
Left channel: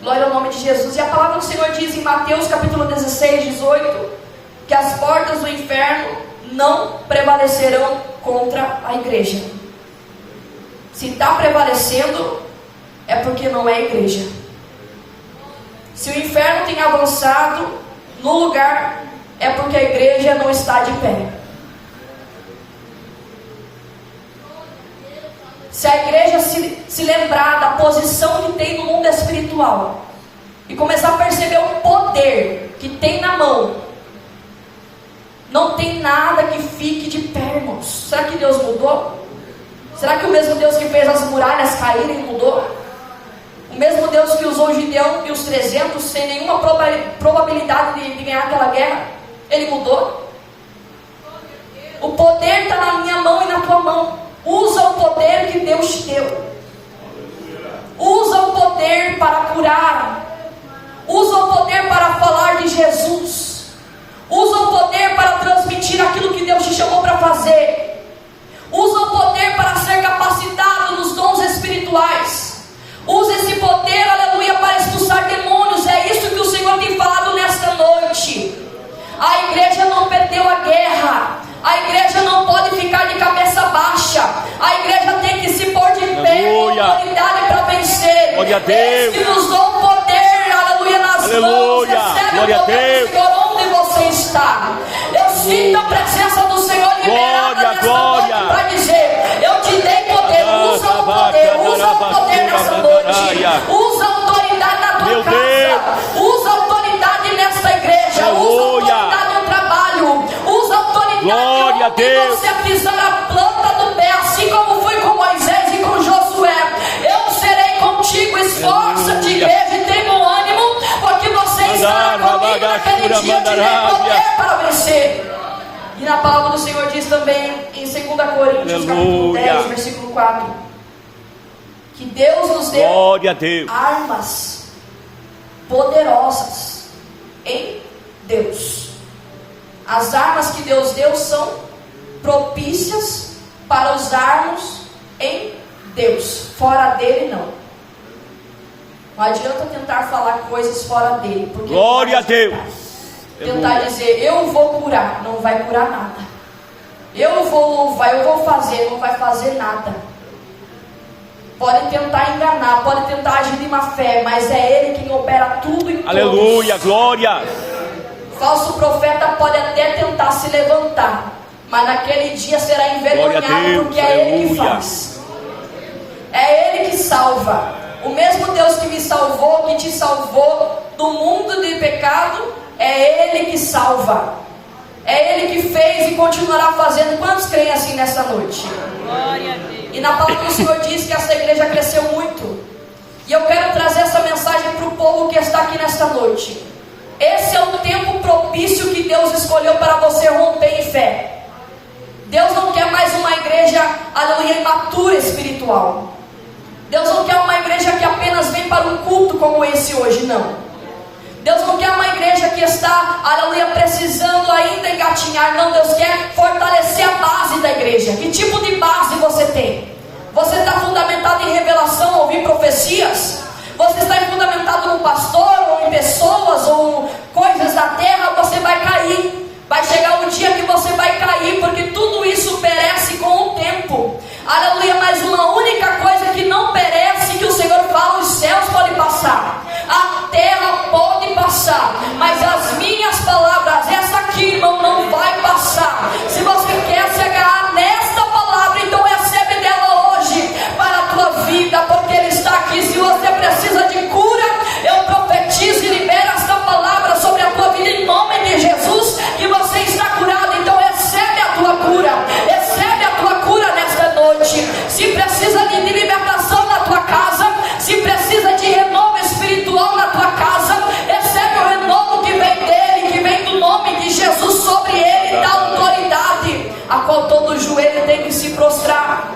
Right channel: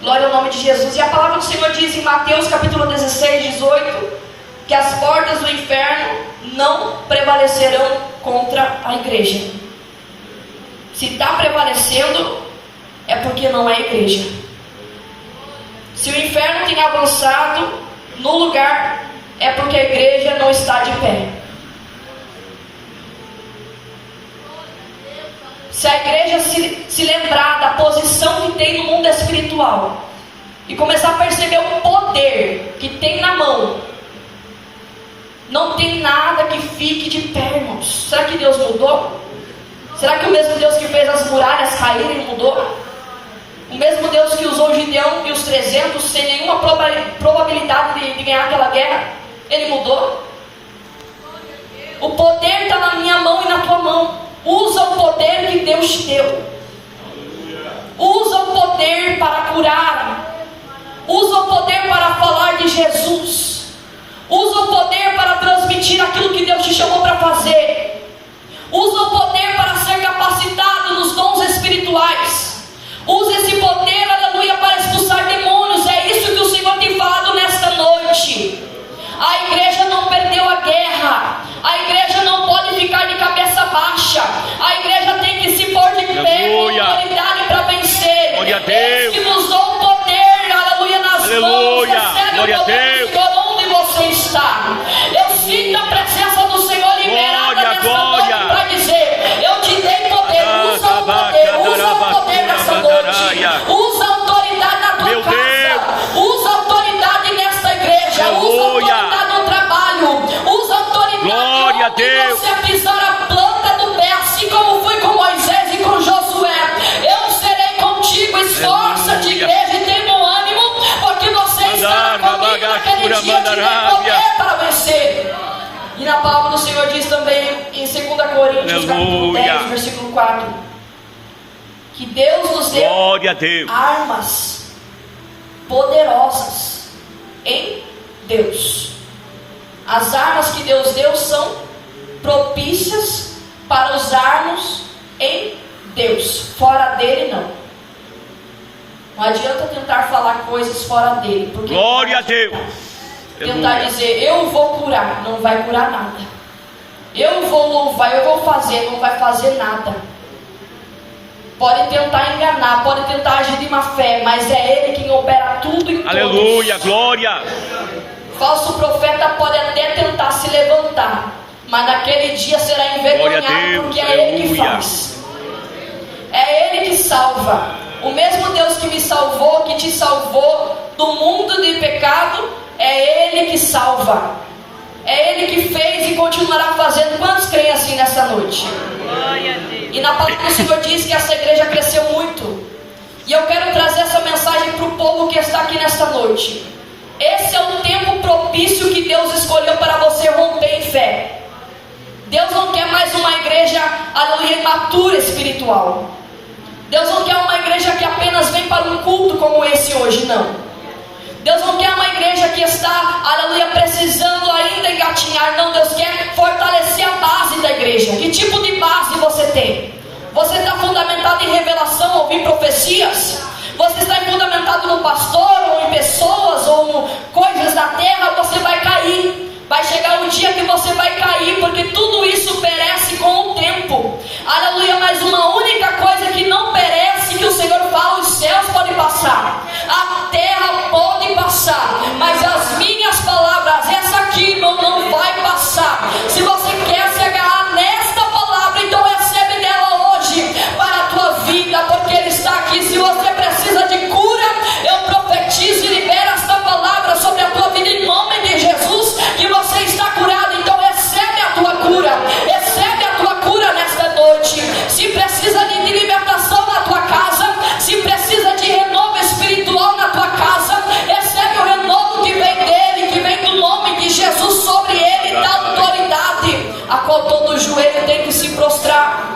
Glória ao nome de Jesus. E a palavra do Senhor diz em Mateus capítulo 16, 18, que as portas do inferno não prevalecerão contra a igreja. Se está prevalecendo, é porque não é igreja. Se o inferno tem avançado no lugar, é porque a igreja não está de pé. Se a igreja se lembrar da posição que tem no mundo espiritual e começar a perceber o poder que tem na mão, não tem nada que fique de pé, irmãos. Será que Deus mudou? Será que o mesmo Deus que fez as muralhas caírem mudou? O mesmo Deus que usou Gideão e os 300 sem nenhuma probabilidade de ganhar aquela guerra, ele mudou? O poder está na minha mão e na tua mão. Usa o poder que Deus te deu. Usa o poder para curar. Usa o poder para falar de Jesus. Usa o poder para transmitir aquilo que Deus te chamou para fazer. Usa o poder para ser capacitado nos dons espirituais. Usa esse poder, aleluia, para expulsar demônios. É isso que o Senhor tem falado nesta noite. A igreja não perdeu a guerra. A igreja não pode ficar de cabeça baixa. A igreja tem que se pôr de pé com autoridade para vencer. Glória a Deus. Esse que nos dá o poder, aleluia, nas mãos. Recebe Glória o poder a Deus. do Senhor onde você está. Eu sinto a presença do Senhor liberada nesta noite para dizer, eu te dei poder. Usa o poder nessa noite. Usa a autoridade na tua casa. Usa a autoridade nessa igreja. Usa a autoridade no trabalho. Usa a autoridade onde você pisar a planta do pé, assim como foi com Moisés e com Josué. Eu serei contigo. Esforça-te, igreja, e tenha um ânimo, porque você estará comigo naquele dia. Te dei poder para vencer. E na palavra do Senhor diz também em 2 Coríntios capítulo 10, versículo 4, que Deus nos deu armas poderosas em Deus. As armas que Deus deu são propícias para usarmos em Deus. Fora dele não. Não adianta tentar falar coisas fora dele, porque glória a Deus. Tentar dizer, eu vou curar, não vai curar nada. Eu vou louvar, eu vou fazer, não vai fazer nada. Pode tentar enganar, pode tentar agir de má fé, mas é Ele quem opera tudo em todos. Aleluia, glória. Falso profeta pode até tentar se levantar, mas naquele dia será envergonhado, porque é Ele que faz. É Ele que salva. O mesmo Deus que me salvou, que te salvou do mundo de pecado, é Ele que salva. É Ele que fez e continuará fazendo. Quantos creem assim nessa noite? E na palavra do Senhor diz que essa igreja cresceu muito. E eu quero trazer essa mensagem para o povo que está aqui nesta noite. Esse é o tempo propício que Deus escolheu para você romper em fé. Deus não quer mais uma igreja, aleluia, imatura espiritual. Deus não quer uma igreja que apenas vem para um culto como esse hoje, não. Deus não quer uma igreja que está, aleluia, precisando ainda engatinhar. Não, Deus quer fortalecer a base da igreja. Que tipo de base você tem? Você está fundamentado em revelação, ouvir profecias? Você está fundamentado no pastor, ou em pessoas, ou coisas da terra? Você vai cair. Vai chegar um dia que você vai cair, porque tudo isso perece com o tempo. Aleluia, mas uma única coisa que não perece, que o Senhor fala, os céus podem passar, a terra pode passar, mas as minhas palavras, essa aqui, irmão, a qual todo joelho tem que se prostrar,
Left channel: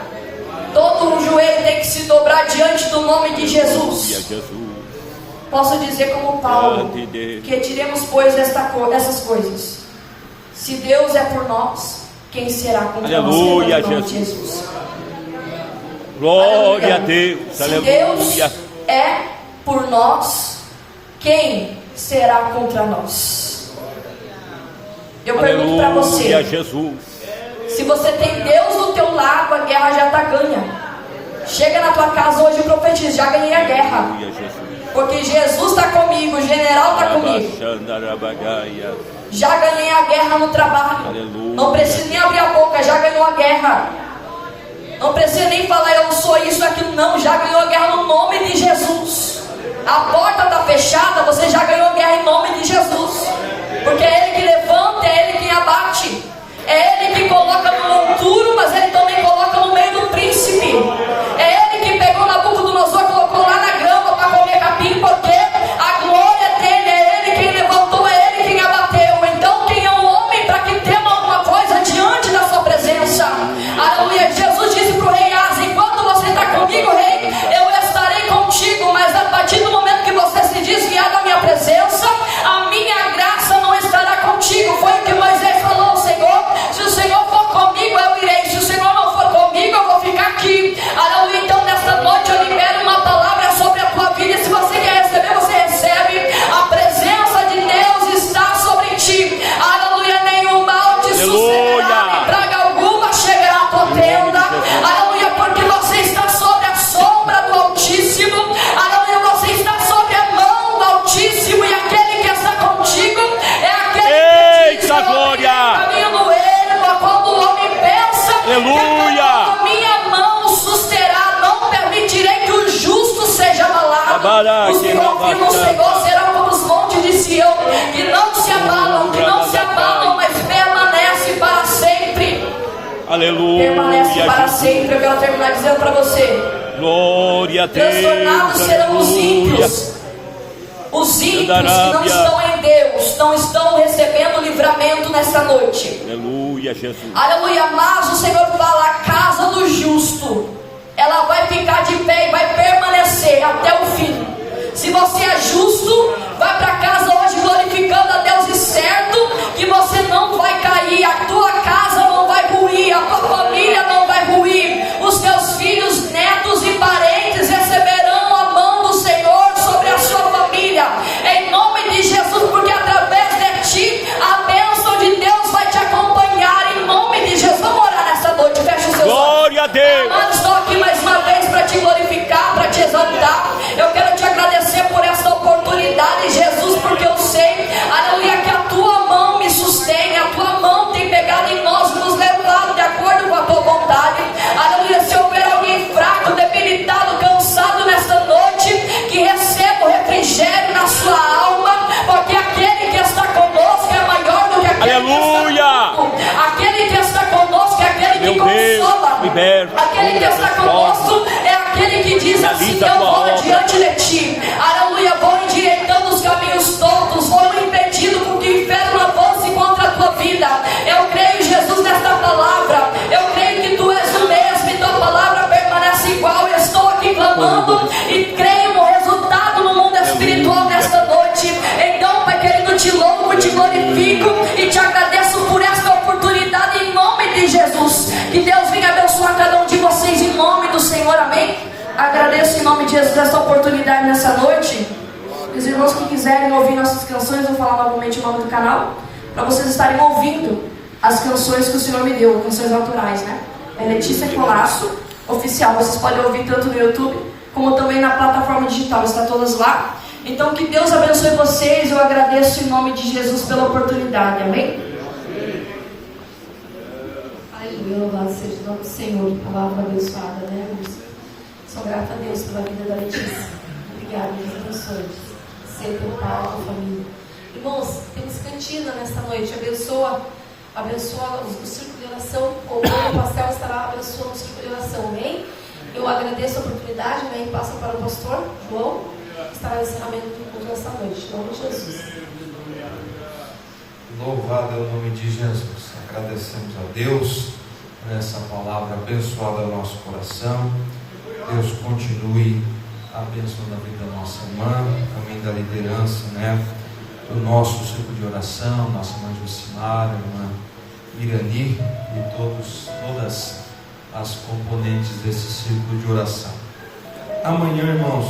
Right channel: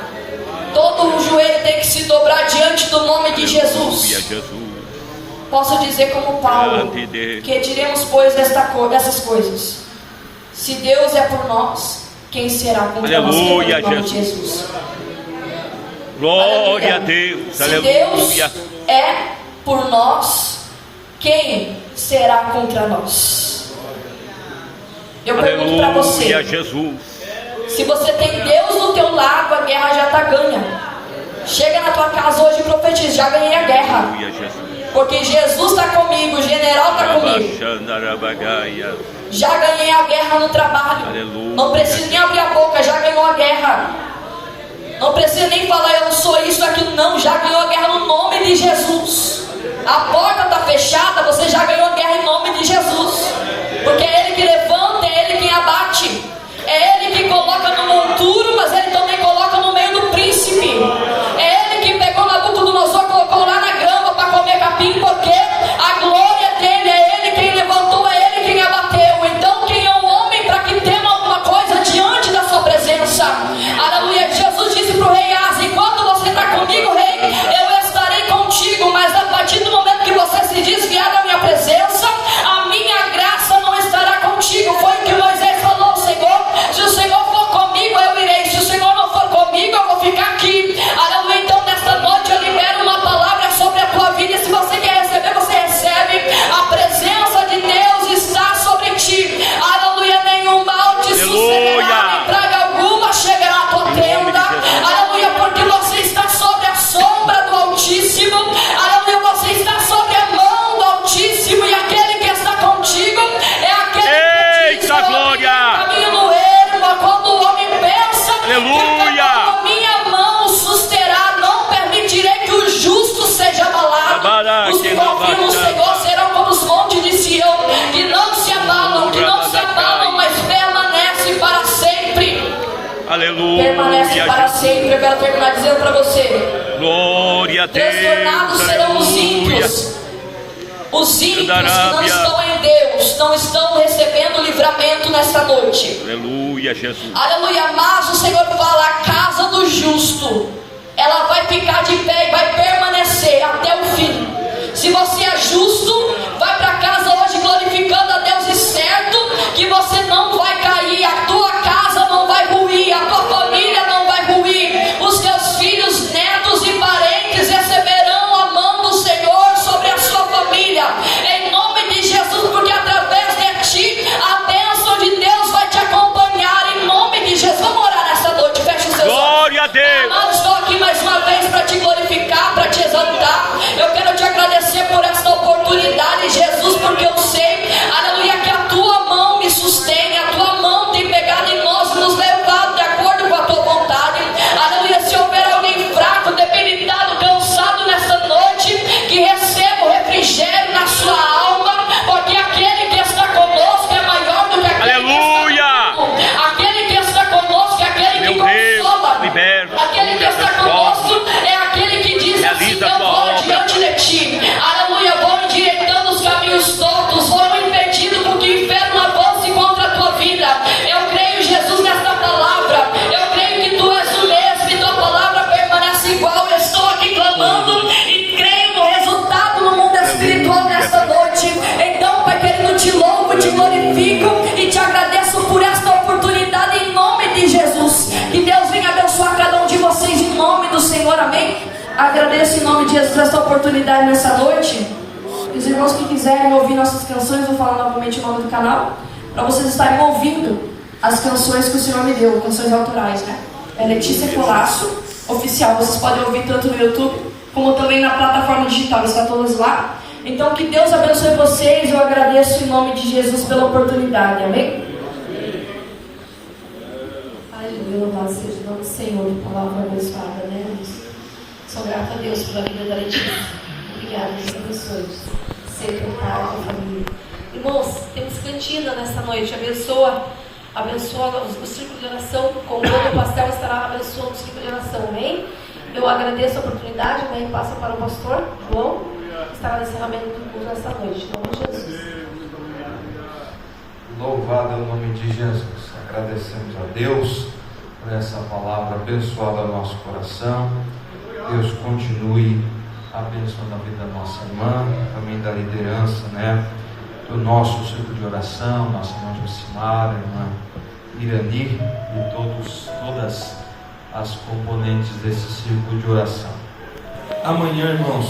todo joelho tem que se dobrar diante do nome de Jesus. Posso dizer como Paulo, que diremos pois dessas coisas: se Deus é por nós, quem será contra nós? Em nome de Jesus. Glória a Deus. Se Deus é por nós, quem será contra nós? Eu pergunto para você: se você tem Deus no teu lado, a guerra já está ganha. Chega na tua casa hoje e profetiza: já ganhei a guerra, porque Jesus está comigo, o general está comigo. Já ganhei a guerra no trabalho. Aleluia. Não precisa nem abrir a boca, já ganhou a guerra. Não precisa nem falar eu sou isso, aquilo, não. Já ganhou a guerra no nome de Jesus. A porta está fechada, você já ganhou a guerra em nome de Jesus. Porque é Ele que levanta, é Ele quem abate. É Ele que coloca no monturo, mas Ele também coloca no meio do príncipe. É Ele que pegou Nabucodonosor e colocou lá na grama para comer capim, porque a glória dele é Ele quem levantou, é Ele quem abateu. Então quem é um homem para que tema alguma coisa diante da sua presença? Aleluia. Jesus disse para o rei Asa: enquanto você está comigo, rei, eu estarei contigo, mas a partir do momento que você se desviar da minha presença, a minha graça não estará contigo. Foi o que Moisés falou ao Senhor: se o Senhor for comigo, eu irei. Se o Senhor não for comigo, eu vou ficar aqui. Aleluia. Então nesta noite eu libero uma palavra sobre a tua vida. Se você quer receber, você recebe. A presença de Deus está sobre ti. Aleluia. Nenhum mal te sucederá, praga alguma chegará à tua tenda. Aleluia. Porque você está sobre a sombra do Altíssimo. Aleluia. Você está sobre a mão do Altíssimo, e aquele que está contigo é aquele que te caminho no ermo, quando o homem pensa, aleluia, a minha mão susterá, não permitirei que o justo seja abalado. Os que confiam no Senhor serão como os montes de Sião, que não se abalam, mas permanecem para sempre. Aleluia. Permanece para sempre. Eu quero terminar dizendo para você: glória a Deus. Transtornados serão os ímpios. Os ímpios que não estão em Deus não estão recebendo livramento nesta noite. Aleluia, Jesus. Aleluia. Mas o Senhor fala: a casa do justo, ela vai ficar de pé e vai permanecer até o fim. Se você é justo, vai para casa hoje glorificando a Deus, e certo que você não vai cair. A tua casa não vai ruir, a tua família não vai ruir. Os teus filhos, netos e parentes receberão a mão do Senhor sobre a sua família, em nome de Jesus, porque através de ti a bênção de Deus vai te acompanhar, em nome de Jesus. Vamos orar nessa noite, fecha os seus olhos. Glória a Deus. Amado, estou aqui mais uma vez para te glorificar, para te exaltar. Eu quero te agradecer por esta oportunidade, Jesus, porque eu sei, aleluia, que a tua mão me sustém, a tua mão tem pegado em nós e nos levado de acordo com a tua vontade. Aleluia. Se houver alguém fraco, debilitado, cansado nesta noite, que receba o refrigério na sua alma, porque aquele que está conosco é maior do que aquele, aleluia, que está conosco. Aquele que está conosco é aquele que consola. Liberta, aquele que está conosco é aquele que diz assim: eu vou diante de ti. Aleluia. Vou endireitando os caminhos tortos, vou impedindo com que o inferno avance contra a tua vida. Eu creio, Jesus, nesta palavra. Eu creio que tu és o mesmo e tua palavra permanece igual. Eu estou aqui clamando e creio no resultado no mundo espiritual nesta noite. Então, Pai querido, te louvo, te glorifico e te agradeço por esta oportunidade em nome de Jesus. Que Deus venha abençoar cada um de vocês em nome do Senhor, amém. Agradeço em nome de Jesus esta oportunidade nessa noite. Os irmãos que quiserem ouvir nossas canções, vou falar novamente o nome do canal, para vocês estarem ouvindo as canções que o Senhor me deu, canções autorais, né? É Letícia Colasso Oficial. Vocês podem ouvir tanto no YouTube como também na plataforma digital, está todas lá. Então que Deus abençoe vocês. Eu agradeço em nome de Jesus pela oportunidade, amém? Aleluia, louvado seja o nome do Senhor, palavra abençoada, né? Sou grata a Deus pela vida da Letícia. Obrigada, Deus abençoe. Ser teu pai, tua família. Irmãos, temos cantina nesta noite. Abençoa o círculo de oração. Como o pastel estará abençoando o círculo de oração, amém? Eu agradeço a oportunidade, né? E passo para o pastor João, que estará no encerramento do culto nesta noite. Em nome de Jesus. Louvado é o nome de Jesus. agradecemos a Deus por essa palavra abençoada ao nosso coração. Deus continue abençoando a vida da nossa irmã, também da liderança, do nosso círculo de oração, nossa irmã Josimara, irmã Irani e todas as componentes desse círculo de oração. Amanhã, irmãos,